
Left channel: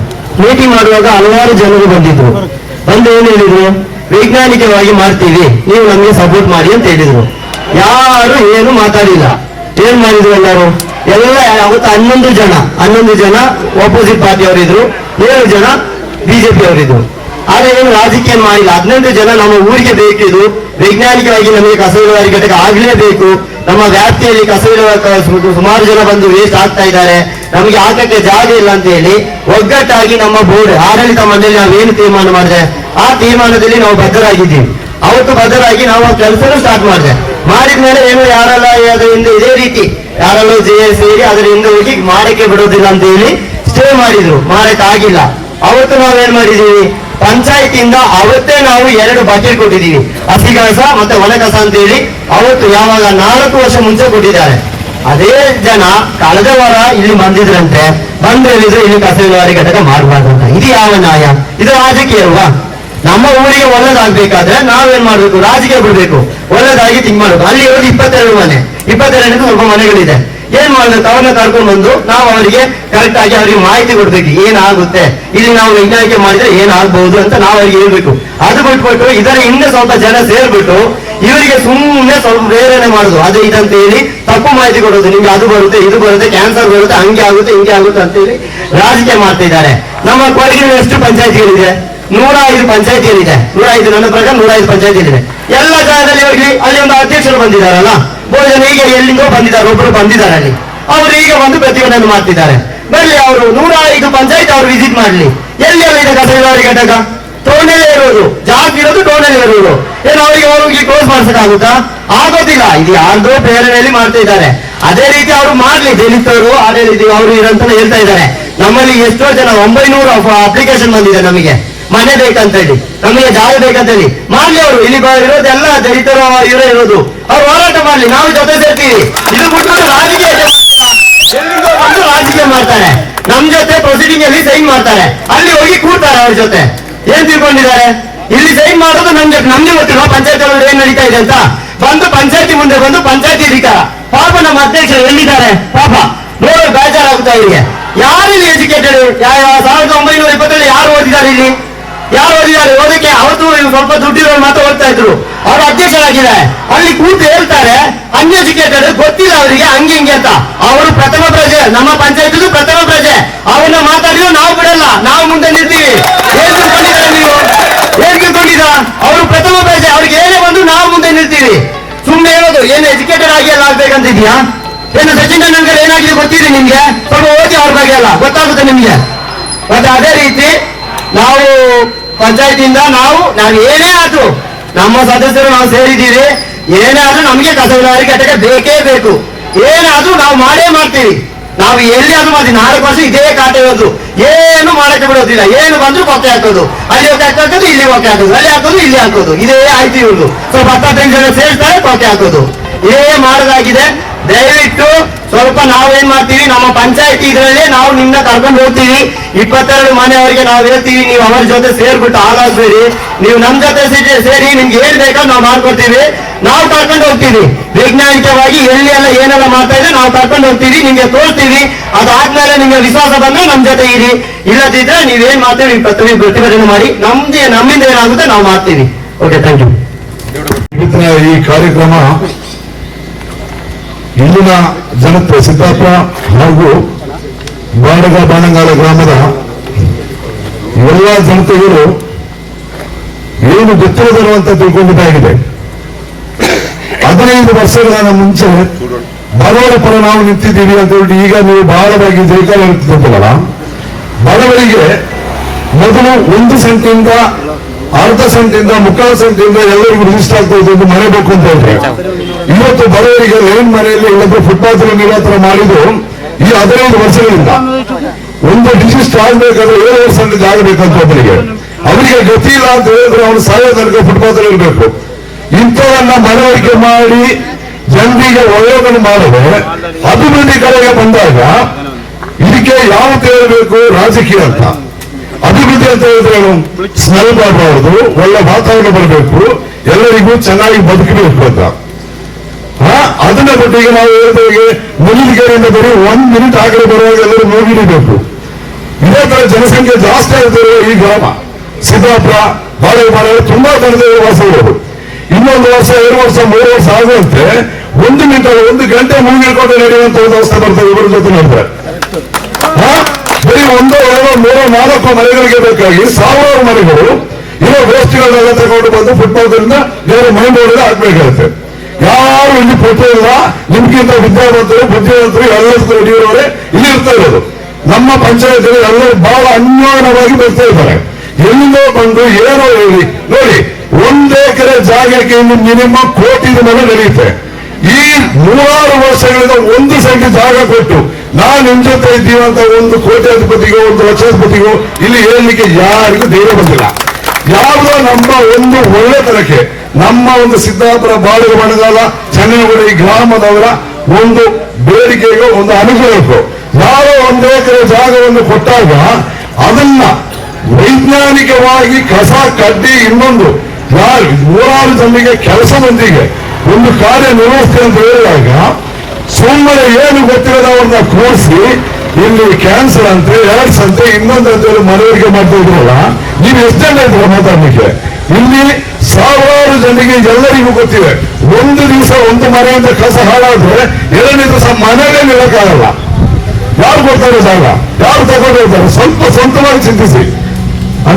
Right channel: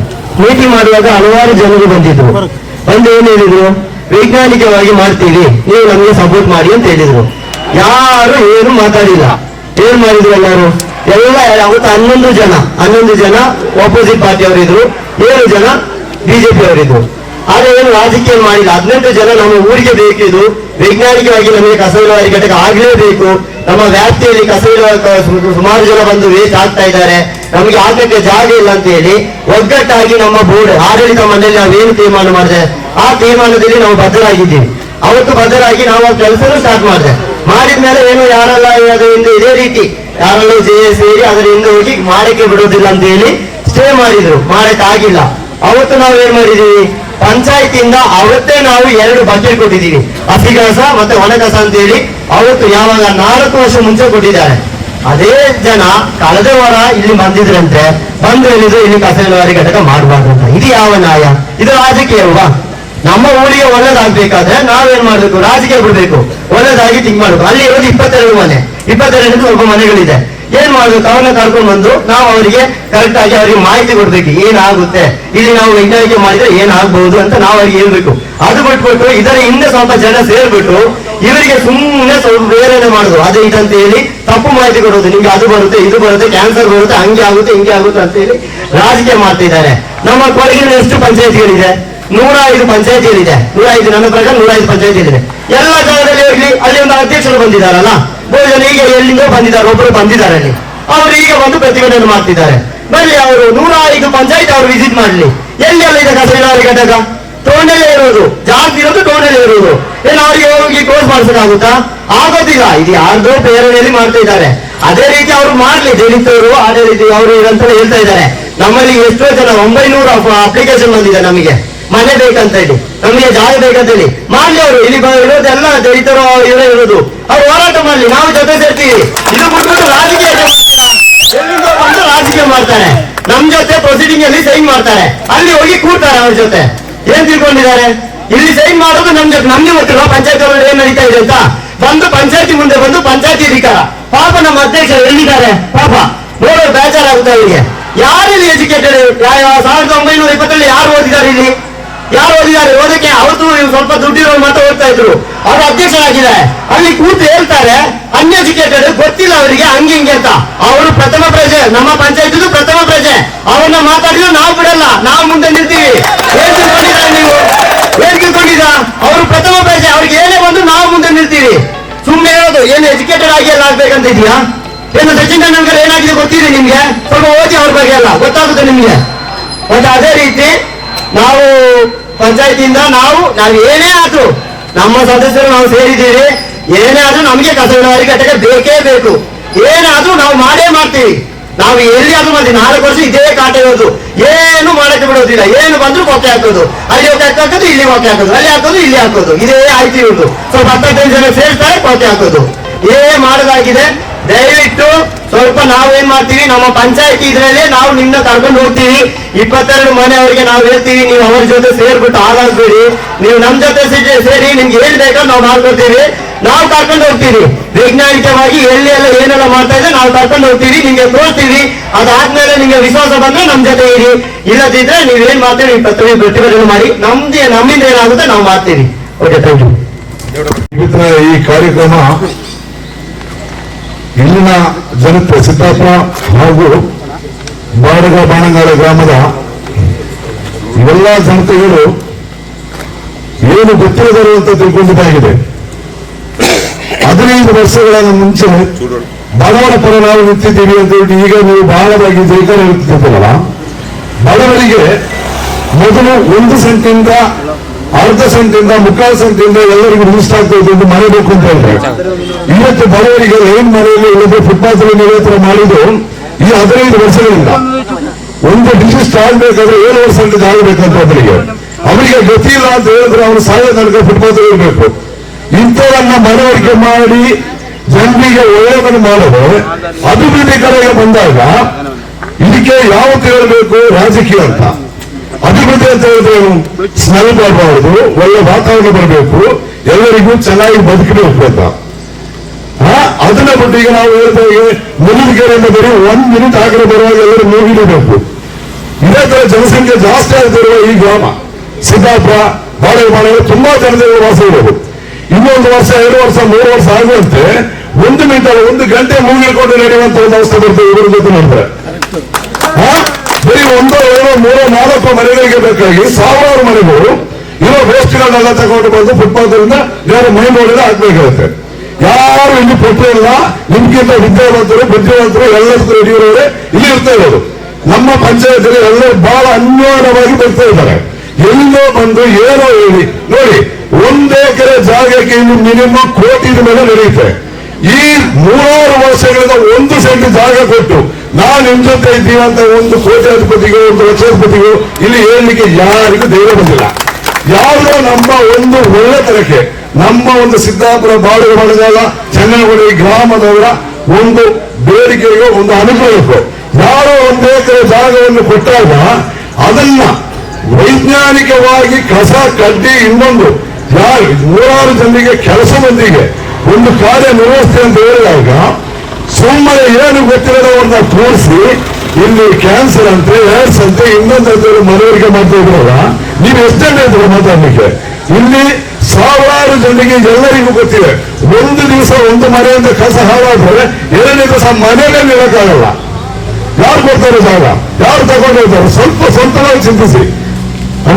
ಮೀಟಿಂಗ್ ಮಾಡುವಾಗ ಹಲವಾರು ಜನರು ಬಂದಿದ್ರು. ಬಂದು ಏನು ಹೇಳಿದ್ರು? ವೈಜ್ಞಾನಿಕವಾಗಿ ಮಾಡ್ತೀವಿ, ನೀವು ನಮಗೆ ಸಪೋರ್ಟ್ ಮಾಡಿ ಅಂತ ಹೇಳಿದ್ರು. ಯಾರು ಏನು ಮಾತಾಡಿಲ್ಲ. ಏನ್ ಮಾಡಿದ್ರು ಎಲ್ಲರೂ? ಎಲ್ಲ ಅವತ್ತು ಹನ್ನೊಂದು ಜನ ಹನ್ನೊಂದು ಜನ ಆಪೋಸಿಟ್ ಪಾರ್ಟಿ ಅವರಿದ್ರು, ಏಳು ಜನ ಬಿಜೆಪಿ ಅವರಿದ್ರು. ಆದ್ರೆ ಏನು ರಾಜಕೀಯ ಮಾಡಿಲ್ಲ. ಹದಿನೆಂಟು ಜನ ನಮ್ಮ ಊರಿಗೆ ಬೇಕಿದು ವೈಜ್ಞಾನಿಕವಾಗಿ ನಮಗೆ ಕಸ ವಿಲೇವಾರಿ ಘಟಕ ಆಗ್ಲೇಬೇಕು. ನಮ್ಮ ವ್ಯಾಪ್ತಿಯಲ್ಲಿ ಕಸ ವಿಲೇವಾರಿ ಸುಮಾರು ಜನ ಬಂದು ವೇಸ್ಟ್ ಆಗ್ತಾ ಇದ್ದಾರೆ. ನಮಗೆ ಆಗಕ್ಕೆ ಜಾಗ ಇಲ್ಲ ಅಂತ ಹೇಳಿ ಒಗ್ಗಟ್ಟಾಗಿ ನಮ್ಮ ಬೋರ್ಡ್, ಆಡಳಿತ ಮಂಡಳಿ ನಾವೇನು ತೀರ್ಮಾನ ಮಾಡಿದೆ? ಆ ತೀರ್ಮಾನದಲ್ಲಿ ನಾವು ಬದ್ಧರಾಗಿದ್ದೀವಿ. ಅವತ್ತು ಬದ್ಧರಾಗಿ ನಾವು ಆ ಕೆಲಸನೂ ಸ್ಟಾರ್ಟ್ ಮಾಡಿದೆ. ಮಾಡಿದ್ಮೇಲೆ ಏನು ಯಾರೆಲ್ಲ ಅದರಿಂದ ಇದೇ ರೀತಿ ಯಾರೆಲ್ಲ ಜೆ ಸೇರಿ ಅದರಿಂದ ಹೋಗಿ ಮಾಡಕ್ಕೆ ಬಿಡೋದಿಲ್ಲ ಅಂತ ಹೇಳಿ ಸ್ಟೇ ಮಾಡಿದ್ರು. ಮಾಡಕ್ ಆಗಿಲ್ಲ ಅವತ್ತು ನಾವೇನ್ ಮಾಡಿದೀವಿ? ಪಂಚಾಯತಿಯಿಂದ ಅವತ್ತೇ ನಾವು ಎರಡು ಬಜೆಟ್ ಕೊಟ್ಟಿದ್ದೀವಿ ಹಸಿ ಕಸ ಮತ್ತೆ ಒಣ ಕಸ ಅಂತ ಹೇಳಿ ಅವತ್ತು ಯಾವಾಗ ನಾಲ್ಕು ವರ್ಷ ಮುಂಚೆ ಕೊಟ್ಟಿದ್ದಾರೆ. ಅದೇ ಜನ ಕಳೆದ ವಾರ ಇಲ್ಲಿ ಬಂದಿದ್ರಂತೆ. ಬಂದು ಹೇಳಿದ್ರು ಇಲ್ಲಿ ಕಸ ವಿಲೇವಾರಿ ಘಟಕ ಮಾಡಬಾರ್ದು ಅಂತ. ಇದು ಯಾವ ನ್ಯಾಯ? ಇದು ರಾಜಕೀಯ ಅಲ್ವಾ ನಮ್ಮ ಊರಿಗೆ ಒಳ್ಳೇದಾಗ್ಬೇಕಾದ್ರೆ ನಾವೇನ್ ಮಾಡ್ಬೇಕು? ರಾಜಕೀಯ ಬಿಡ್ಬೇಕು. ಒಳ್ಳೇದಾಗಿ ತಿಂಗ್ ಮಾಡ್ಬೇಕು. ಅಲ್ಲಿ ಇರೋದು ಇಪ್ಪತ್ತೆರಡು ಮನೆ. ಇಪ್ಪತ್ತೆರಡು ಸ್ವಲ್ಪ ಮನೆಗಳಿದೆ. ಏನ್ ಮಾಡ್ಬೇಕು? ಅವ್ರನ್ನ ಕರ್ಕೊಂಡು ಬಂದು ನಾವು ಅವರಿಗೆ ಕರೆಕ್ಟ್ ಆಗಿ ಅವರಿಗೆ ಮಾಹಿತಿ ಕೊಡ್ಬೇಕು. ಏನಾಗುತ್ತೆ? ಇಲ್ಲಿ ನಾವು ವೈಜ್ಞಾನಿಕ ಮಾಡಿದ್ರೆ ಏನಾಗಬಹುದು ಅಂತ ನಾವು ಅವ್ರಿಗೆ ಹೇಳ್ಬೇಕು. ಅದು ಬಿಟ್ಬಿಟ್ಟು ಇದರ ಹಿಂದೆ ಸ್ವಲ್ಪ ಜನ ಸೇರ್ಬಿಟ್ಟು ಇವರಿಗೆ ಸುಮ್ಮನೆ ಸ್ವಲ್ಪ ಪ್ರೇರಣೆ ಮಾಡುದು. ಅದು ಇದಂತ ಹೇಳಿ ತಪ್ಪು ಮಾಹಿತಿ ಕೊಡೋದು. ನಿಮ್ಗೆ ಅದು ಬರುತ್ತೆ, ಇದು ಬರುತ್ತೆ ಕ್ಯಾನ್ಸರ್ ಬರುತ್ತೆ, ಹಂಗೆ ಆಗುತ್ತೆ, ಹಿಂಗೆ ಆಗುತ್ತೆ ಅಂತ ಹೇಳಿ ರಾಜಕೀಯ ಮಾಡ್ತಾ ಇದ್ದಾರೆ. ನಮ್ಮ ಕೊಡಗಿನಲ್ಲಿ ಎಷ್ಟು ಪಂಚಾಯತಿಗಳಿದೆ? ನೂರ ಐದು ಪಂಚಾಯತಿಗಳಿದೆ. ನೂರ ಐದು ನನ್ನ ಪ್ರಕಾರ ನೂರ ಐದು ಪಂಚಾಯತಿಗಳಿದೆ. ಎಲ್ಲ ಜಾಗದಲ್ಲಿ ಅಲ್ಲಿ ಒಂದು ಅಧ್ಯಕ್ಷರು ಬಂದಿದ್ದಾರಲ್ಲ? ಜನ ಈಗ ಎಲ್ಲಿಂದೋ ಬಂದಿದ್ದಾರೆ ಒಬ್ಬರು ಬಂದಿದ್ದಾರೆ ಅಲ್ಲಿ. ಅವರು ಈಗ ಬಂದು ಪ್ರತಿಭಟನೆ ಮಾಡ್ತಿದ್ದಾರೆ. ಬರ್ಲಿ ಅವರು ನೂರ ಐದು ಪಂಚಾಯತ್ ಅವರು ವಿಸಿಟ್ ಮಾಡ್ಲಿ. ಎಲ್ಲಿ ಇದೆ ಕಸ ವಿಲೇವಾರಿ ಘಟಕ? ಟೋಣೆಲೆ ಇರೋದು. ಜಾಗ ಇರೋದು ಟೋಣೆಲೆ ಇರೋದು. ಏನು ಅವರಿಗೆ ಹೋಗಿ ಕ್ಲೋಸ್ ಮಾಡ್ಸಕ್ಕಾಗುತ್ತಾ? ಆಗೋದಿಲ್ಲ. ಇದು ಯಾರ್ದೋ ಪ್ರೇರಣೆಯಲ್ಲಿ ಮಾಡ್ತಾ ಇದ್ದಾರೆ. ಅದೇ ರೀತಿ ಅವರು ಮಾಡ್ಲಿ. ದಲಿತರು ಅದೇ ರೀತಿ ಅವರು ಇರಂತ ಹೇಳ್ತಾ ಇದ್ದಾರೆ. ನಮ್ಮಲ್ಲಿ ಎಷ್ಟೋ ಜನ, ಒಂಬೈನೂರು ಅಪ್ಲಿಕೇಶನ್ ಬಂದಿದೆ ನಮಗೆ. ಮನೆ ಬೇಕಂತ ಹೇಳಿ, ನಮಗೆ ಜಾಗ ಬೇಕಂತ ಹೇಳಿ, ಮಾಡ್ಲಿ ಅವರು, ಇಲ್ಲಿ ಇರೋದೆಲ್ಲ ದಲಿತರು ಇರೋ ಇರೋದು. ಅವ್ರು ಹೋರಾಟ ಮಾಡ್ಲಿ, ನಾವು ಜೊತೆ ಸೇರ್ತೀವಿ. ಇದು ಬಿಟ್ಬಿಟ್ಟು ರಾಜಕೀಯ? ಎಲ್ಲಿಂದೋ ಬಂದು ರಾಜಕೀಯ ಮಾಡ್ತಾರೆ. ನಮ್ ಜೊತೆ ಪ್ರೊಸೀಡಿಂಗ್ ಅಲ್ಲಿ ಸೈನ್ ಮಾಡ್ತಾರೆ. ಅಲ್ಲಿ ಹೋಗಿ ಕೂರ್ತಾರೆ ಅವ್ರ ಜೊತೆ. ಏನ್ ತಿಳ್ಕೊಂಡಿದ್ದಾರೆ? ಇಲ್ಲಿ ಸೈನ್ ಮಾಡೋದು ನಮ್ ಜೊತೆ ನಮ್ಗೆ ಗೊತ್ತಿಲ್ಲ ಪಂಚಾಯತ್ ಒಳಗಡೆ ಏನ್ ನಡೀತಾ ಇದೆ ಅಂತ. ಬಂದು ಪಂಚಾಯತಿ ಮುಂದೆ ಬಂದು ಪಂಚಾಯತಿ ಅಧಿಕಾರ. ಪಾಪ ನಮ್ಮ ಅಧ್ಯಕ್ಷರು ಎಲ್ಲಿದ್ದಾರೆ? ಪಾಪ. ನೋಡೋದು ಬೇಜಾರಾಗುತ್ತೆ ಅವರಿಗೆ ಯಾರು ಇಲ್ಲಿ ಎಜುಕೇಟೆಡ್ ಸಾವಿರದ ಒಂಬೈನೂರ ಇಪ್ಪತ್ತರಲ್ಲಿ ಯಾರು ಓದಿದ್ದಾರೆ ಇಲ್ಲಿ? ಯಾರು ಓದಿದ್ದಾರೆ, ಓದಕ್ಕೆ ಅವತ್ತು ಸ್ವಲ್ಪ ದುಡ್ಡಿರೋ ಮಾತ್ರ ಓದ್ತಾ ಇದ್ರು. ಅವ್ರ ಅಧ್ಯಕ್ಷರಾಗಿದ್ದಾರೆ. ಅಲ್ಲಿ ಕೂತು ಹೇಳ್ತಾರೆ ಅನ್ಎಜುಕೇಟೆಡ್ ಗೊತ್ತಿಲ್ಲ ಅವರಿಗೆ, ಹಂಗೆ ಹಿಂಗೆ ಅಂತ. ಅವರು ಪ್ರಥಮ ಪ್ರಜೆ, ನಮ್ಮ ಪಂಚಾಯತ್ ಪ್ರಥಮ ಪ್ರಜೆ. ಅವ್ರನ್ನ ಮಾತಾಡಿದ್ರು ನಾವು ಬಿಡಲ್ಲ, ನಾವು ಮುಂದೆ ನಿಲ್ತೀವಿ ಏನ್ ತಿಳ್ಕೊಂಡಿದ್ದಾರೆ ನೀವು. ಏನ್ ತಿಳ್ಕೊಂಡಿದ ಅವರು ಪ್ರಥಮ ಪ್ರಜೆ, ಅವ್ರಿಗೆ ಏನೇ ಬಂದ್ರು ನಾವು ಮುಂದೆ ನಿಲ್ತೀವಿ ಸುಮ್ಮನೆ ಹೇಳೋದು, ಏನು ಎಜುಕೇಟೆಡ್ ಆಗಿ ಎಲ್ಲ ಆಗ್ಬೇಕಂತ ಇದೆಯಾ ಏನು ಸಚಿನ್ ತೆಂಡೂಲ್ಕರ್ ಏನಾಗಿದೆ ಗೊತ್ತಿದೆ ನಿಮ್ಗೆ? ಸ್ವಲ್ಪ ಓದಿ ಅವ್ರ ಬಗ್ಗೆ ಎಲ್ಲ, ಗೊತ್ತಾಗುತ್ತೆ ನಿಮ್ಗೆ. ಮತ್ತೆ ಅದೇ ರೀತಿ ನಾವು ಪಂಚಾಯತಿಯಿಂದ ನಾವು ನಾವು ಏನೇ ಆದ್ರೂ ನಮ್ಮ ಸದಸ್ಯರು ನಾವು ಸೇರಿದ್ದೀವಿ ಏನೇ ಆದ್ರೂ ನಮಗೆ ಕಸ ವಿಲೇವಾರಿ ಘಟಕ ಬೇಕೇ. ಬೇಕು ಏನಾದ್ರೂ ನಾವು ಮಾಡೇ ಮಾಡ್ತೀವಿ. ನಾವು ಎಲ್ಲಿ ಆದ್ರೂ ಮಾಡ್ತೀವಿ. ನಾಲ್ಕು ವರ್ಷ ಇದೇ ಕಾಟ ಇರೋದು. ಏನು ಮಾಡಕ್ಕೆ ಬಿಡೋದಿಲ್ಲ. ಏನು ಬಂದ್ರು ಕೊಕ್ಕೆ ಹಾಕೋದು. ಅಲ್ಲಿ ಒಕ್ಕೆ ಹಾಕೋದು, ಇಲ್ಲಿ ಕೊಕ್ಕೆ ಹಾಕೋದು. ಅಲ್ಲಿ ಹಾಕೋದು, ಇಲ್ಲಿ ಹಾಕೋದು. ಇದೇ ಆಯ್ತು ಇರೋದು. ಸ್ವಲ್ಪ ಹತ್ತೈದು ಜನ ಸೇರ್ತಾರೆ ಕೊಕ್ಕೆ ಹಾಕೋದು. ಏ ಮಾಡೋದಾಗಿದೆ. ದಯವಿಟ್ಟು ಸ್ವಲ್ಪ ನಾವೇನ್ ಮಾಡ್ತೀವಿ, ನಮ್ಮ ಪಂಚಾಯತಿ ಇದರಲ್ಲಿ ನಾವು ನಿಮ್ನ ಕರ್ಕೊಂಡು ಹೋಗ್ತೀವಿ. ಇಪ್ಪತ್ತೆರಡು ಮನೆಯವರಿಗೆ ನಾವು ಹೇಳ್ತೀವಿ, ನೀವು ಅವರ ಜೊತೆ ಸೇರ್ಬಿಟ್ಟು ಹಾಳಾಗ್ಬೇಡಿ. ನೀವು ನಮ್ ಜೊತೆ ಸೇರಿ ನಿಮ್ಗೆ ಏನ್ ಬೇಕೋ ನಾವು ಮಾಡ್ಕೊಡ್ತೀವಿ. ನಾವು ಕರ್ಕೊಂಡು ಹೋಗ್ತೀವಿ. ವೈಜ್ಞಾನಿಕವಾಗಿ ಎಲ್ಲಿ ಎಲ್ಲ ಏನೆಲ್ಲ ಮಾಡ್ತಾ ಇದೆ, ನಾವು ಕರ್ಕೊಂಡು ಹೋಗ್ತೀವಿ, ನಿಮ್ಗೆ ತೋರ್ತೀವಿ ಅದಾದ್ಮೇಲೆ ನಿಮ್ಗೆ ವಿಶ್ವಾಸ ಬಂದ್ರೆ ನಮ್ ಜೊತೆ ಇರಿ. ಇಲ್ಲದಿದ್ರೆ ನೀವೇನ್ ಮಾಡ್ತೀವಿ ನೀವು ಪ್ರತಿ ಪ್ರತಿಭಟನೆ ಮಾಡಿ. ನಮ್ದೇ ನಮ್ಮಿಂದ ಏನಾಗುತ್ತೆ, ನಾವು ಮಾಡ್ತೀವಿ. ಓಕೆ ಥ್ಯಾಂಕ್ ಯು ಈ ಕಾರ್ಯಕ್ರಮ ಇಲ್ಲಿನ ಜನತೆ ಸಿದ್ದಾಪುರ ಹಾಗೂ ಬಾಡಗ ಬಾಣಂಗಾಲ ಗ್ರಾಮದ ಎಲ್ಲ ಜನತೆಗಳು ಏನು ಗೊತ್ತಿರದರು ಅಂತ ತಿಳ್ಕೊಂಡಿದ್ದಾಗಿದೆ. ಹದಿನೈದು ವರ್ಷಗಳ ಮುಂಚೆ ಬಡವರ ಪರ ನಾವು ನಿಂತಿದ್ದೀವಿ ಅಂತ ಹೇಳಿ ಈಗ ನೀವು ಬಹಳವಾಗಿ ಜೈಕಾರ ಇರ್ತಿದ್ದೀರಲ್ಲ ಬಡವರಿಗೆ ಮೊದಲು ಒಂದು ಸೆಂಟಿಂದ ಅರ್ಧ ಸಂಖ್ಯೆಯಿಂದ ಮುಕ್ಕಾಲು ಸಂಖ್ಯೆಯಿಂದ ಎಲ್ಲರಿಗೂ ರಿಜಿಸ್ಟರ್ ಆಗ್ತಾ ಮನೆ ಬೇಕು ಅಂತ ಇದ್ರೆ ಇವತ್ತು ಬಡವರಿಗೆ ಲೈನ್ ಮನೆಯಲ್ಲಿ ಇಲ್ಲದ್ರೆ ಫುಟ್ಪಾತ್ ನಿರಾತರ ಮಾಡಿದ್ದು ಈ ಹದಿನೈದು ವರ್ಷಗಳಿಂದ. ಒಂದು ರಿಜಿಸ್ಟರ್ ಆಗ್ಬೇಕಾದ್ರೆ ಏಳು ವರ್ಷ ಅಂತ ಆಗಬೇಕಂತ ಅವರಿಗೆ ಅವರಿಗೆ ಗತಿ ಇಲ್ಲ ಅಂತ ಹೇಳಿದ್ರೆ ಅವನು ಸಾಯೋ ತನಕ ಫುಟ್ಪಾತ್ ಇರಬೇಕು. ಇಂಥವನ್ನ ಮನವರಿಕೆ ಮಾಡಿ ಜನರಿಗೆ ಒಳ್ಳೆಯದನ್ನು ಮಾಡದೆ ಅಭಿವೃದ್ಧಿ ಕಡೆಗೆ ಬಂದಾಗ ಇದಕ್ಕೆ ಯಾವತ್ತು ಹೇಳಬೇಕು ರಾಜಕೀಯ ಅಂತ. ಅಭಿವೃದ್ಧಿ ಅಂತ ಹೇಳಿದ್ರೆ ಸ್ಮೆಲ್ ಮಾಡಬಾರದು, ಒಳ್ಳೆ ವಾತಾವರಣ ಬರಬೇಕು, ಎಲ್ಲರಿಗೂ ಚೆನ್ನಾಗಿ ಬದುಕಬೇಕು ಅಂತ. ಅದನ್ನ ಬಿಟ್ಟು ಈಗ ನಾವು ಹೇಳಿದಾಗ ಮುಗಿಲಿಗೆರೆಯಿಂದ ಬರೀ ಒಂದ್ ಮಿನಿಟ್ ಆಗಲೇ ಬರುವಾಗ ಎಲ್ಲರೂ ಮುಗಿಡಬೇಕು ಇದೇ ತರ ಜನಸಂಖ್ಯೆ ಜಾಸ್ತಿ ಆಗ್ತಿರುವ ಈ ಗ್ರಾಮ. ಸಿದ್ದಾಪುರ, ಬಾಳೆಬಾಳ ತುಂಬಾ ಜನದ ವಾಸ ಇರೋದು. ಇನ್ನೊಂದು ವರ್ಷ, ಎರಡು ವರ್ಷ, ಮೂರು ವರ್ಷ ಆಗುವಂತೆ ಒಂದು ಮಿನಿಟ್, ಒಂದು ಗಂಟೆ ಮುಗಿಕೊಂಡು ನಡೆಯುವಂತ ವ್ಯವಸ್ಥೆ ಬರ್ತದೆ ಇವರ ಜೊತೆ ನೋಡ್ತಾರೆ? ಬರೀ ಒಂದು, ಎರಡು, ಮೂರು, ನಾಲ್ಕು ಮನೆಗಳಿಗೆ ಬೇಕಾಗಿ ಸಾವಿರಾರು ಮನೆಗಳು ಇರೋ ವೇಸ್ಟ್ಗಳನ್ನೆಲ್ಲ ತಗೊಂಡು ಬಂದು ಫುಟ್ಪಾತ್ ನೇರ ಮೈನ್ ರೋಡ್ ಹಾಕ್ಬೇಕಾಗುತ್ತೆ ಯಾರು ಇಲ್ಲಿ ಪಟ್ಟು ಇಲ್ಲ, ನಿಮ್ಗಿಂತ ವಿದ್ಯಾವಂತರು, ಬುದ್ಧಿವಂತರು ಎಲ್ಲರೂ ಯಡಿಯೂರವರೇ ಇಲ್ಲಿ ಇರ್ತಾ ಇರೋದು. ನಮ್ಮ ಪಂಚಾಯತ್ ಎಲ್ಲರೂ ಬಹಳ ಅನ್ಯೋನ್ಯವಾಗಿ ಬರ್ತಾ ಇದ್ದಾರೆ. ಎಲ್ಲೋ ಬಂದು ಏನೋ ಹೇಳಿ, ನೋಡಿ, ಒಂದೇ ಜಾಗಕ್ಕೆ ಇನ್ನು ಮಿನಿಮಮ್ ಕೋಟಿ ಮೇಲೆ ನಡೆಯುತ್ತೆ. ಈ ನೂರಾರು ವರ್ಷಗಳಿಂದ ಒಂದು ಸೆಂಟ್ ಜಾಗ ಕೊಟ್ಟು ನಾವು ನಿಮ್ ಜೊತೆ ಇದ್ದೀವಿ ಅಂತ ಒಂದು ಕೋಟ್ಯಾಧಿಪತಿಗೋ, ಒಂದು ಲಕ್ಷಾಧಿಪತಿಗೋ, ಇಲ್ಲಿ ಹೇಳಲಿಕ್ಕೆ ಯಾರಿಗೂ ಧೈರ್ಯ ಬಂದಿಲ್ಲ. ಯಾವುದೋ ನಮ್ಮ ಒಂದು ಒಳ್ಳೆತನಕ್ಕೆ ನಮ್ಮ ಒಂದು ಸಿದ್ದಾಪುರ ಬಾಡುಗ ಬಣಗಾಲ ಚನ್ನನಗರ ಈ ಗ್ರಾಮದವರ ಒಂದು ಬೇಡಿಕೆಗೆ, ಒಂದು ಅನುಗ್ರಹಕ್ಕೂ ಯಾರೋ ಒಂದು ಎಕರೆ ಜಾಗವನ್ನು ಕೊಟ್ಟಾಗ ಅದನ್ನ ವೈಜ್ಞಾನಿಕವಾಗಿ ಕಸ, ಕಡ್ಡಿ, ಇನ್ನೊಂದು, ಯಾರು ನೂರಾರು ಜನರಿಗೆ ಕೆಲಸ ಮಂದಿಗೆ ಒಂದು ಕಾರ್ಯ ನಿರ್ವಹಿಸ್ತೆ ಅಂತ ಹೇಳಿದಾಗ ಸುಮ್ಮನೆ ಏನು ಗೊತ್ತಿರೋದವ್ರನ್ನ ಕೂರಿಸಿ, ಇಲ್ಲಿ ಕ್ಯಾನ್ಸರ್ ಅಂತೆ ಏಡ್ಸ್ ಅಂತೆ ಇನ್ನೊಂದು ಅಂತ ಹೇಳಿ ಮನವರಿಕೆ ಮಾಡ್ತಾ ಇದ್ರಲ್ಲ, ನೀವು ಎಷ್ಟೇ ಇದ್ರೆ ಮಾತಾಡ್ಲಿಕ್ಕೆ? ಇಲ್ಲಿ ಸಾವಿರಾರು ಜನರಿಗೆ ಎಲ್ಲರಿಗೂ ಗೊತ್ತಿದೆ. ಒಂದು ದಿವಸ ಒಂದು ಮನೆಯಿಂದ ಕಸ ಹಾಳಾದ್ರೆ ಎರಡನೇ ದಿವಸ ಮನೆಯಲ್ಲೇ ನಿಲ್ಲಕ್ಕಾಗಲ್ಲ. ಯಾರು ಕೊಡ್ತಾರೆ ಜಾಗ? ಯಾರು ತಗೊಂಡು ಹೋಗ್ತಾರೆ? ಸ್ವಲ್ಪ ಸ್ವಂತವಾಗಿ ಚಿಂತಿಸಿ.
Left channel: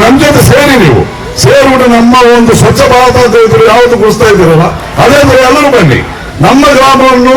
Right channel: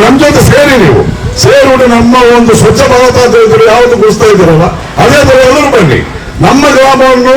ನಮ್ ಜೊತೆ ಸೇರಿ ನೀವು. ಸೇರಿಬಿಟ್ಟು ನಮ್ಮ ಒಂದು ಸ್ವಚ್ಛ ಭಾರತ ಅಂತ ಹೇಳ್ತೀರಿ ಯಾವುದು ಗುಡಿಸ್ತಾ ಇದ್ದೀರಲ್ಲ? ಅದೇ ಥರ ಎಲ್ಲರೂ ಬನ್ನಿ. ನಮ್ಮ ಗ್ರಾಮವನ್ನು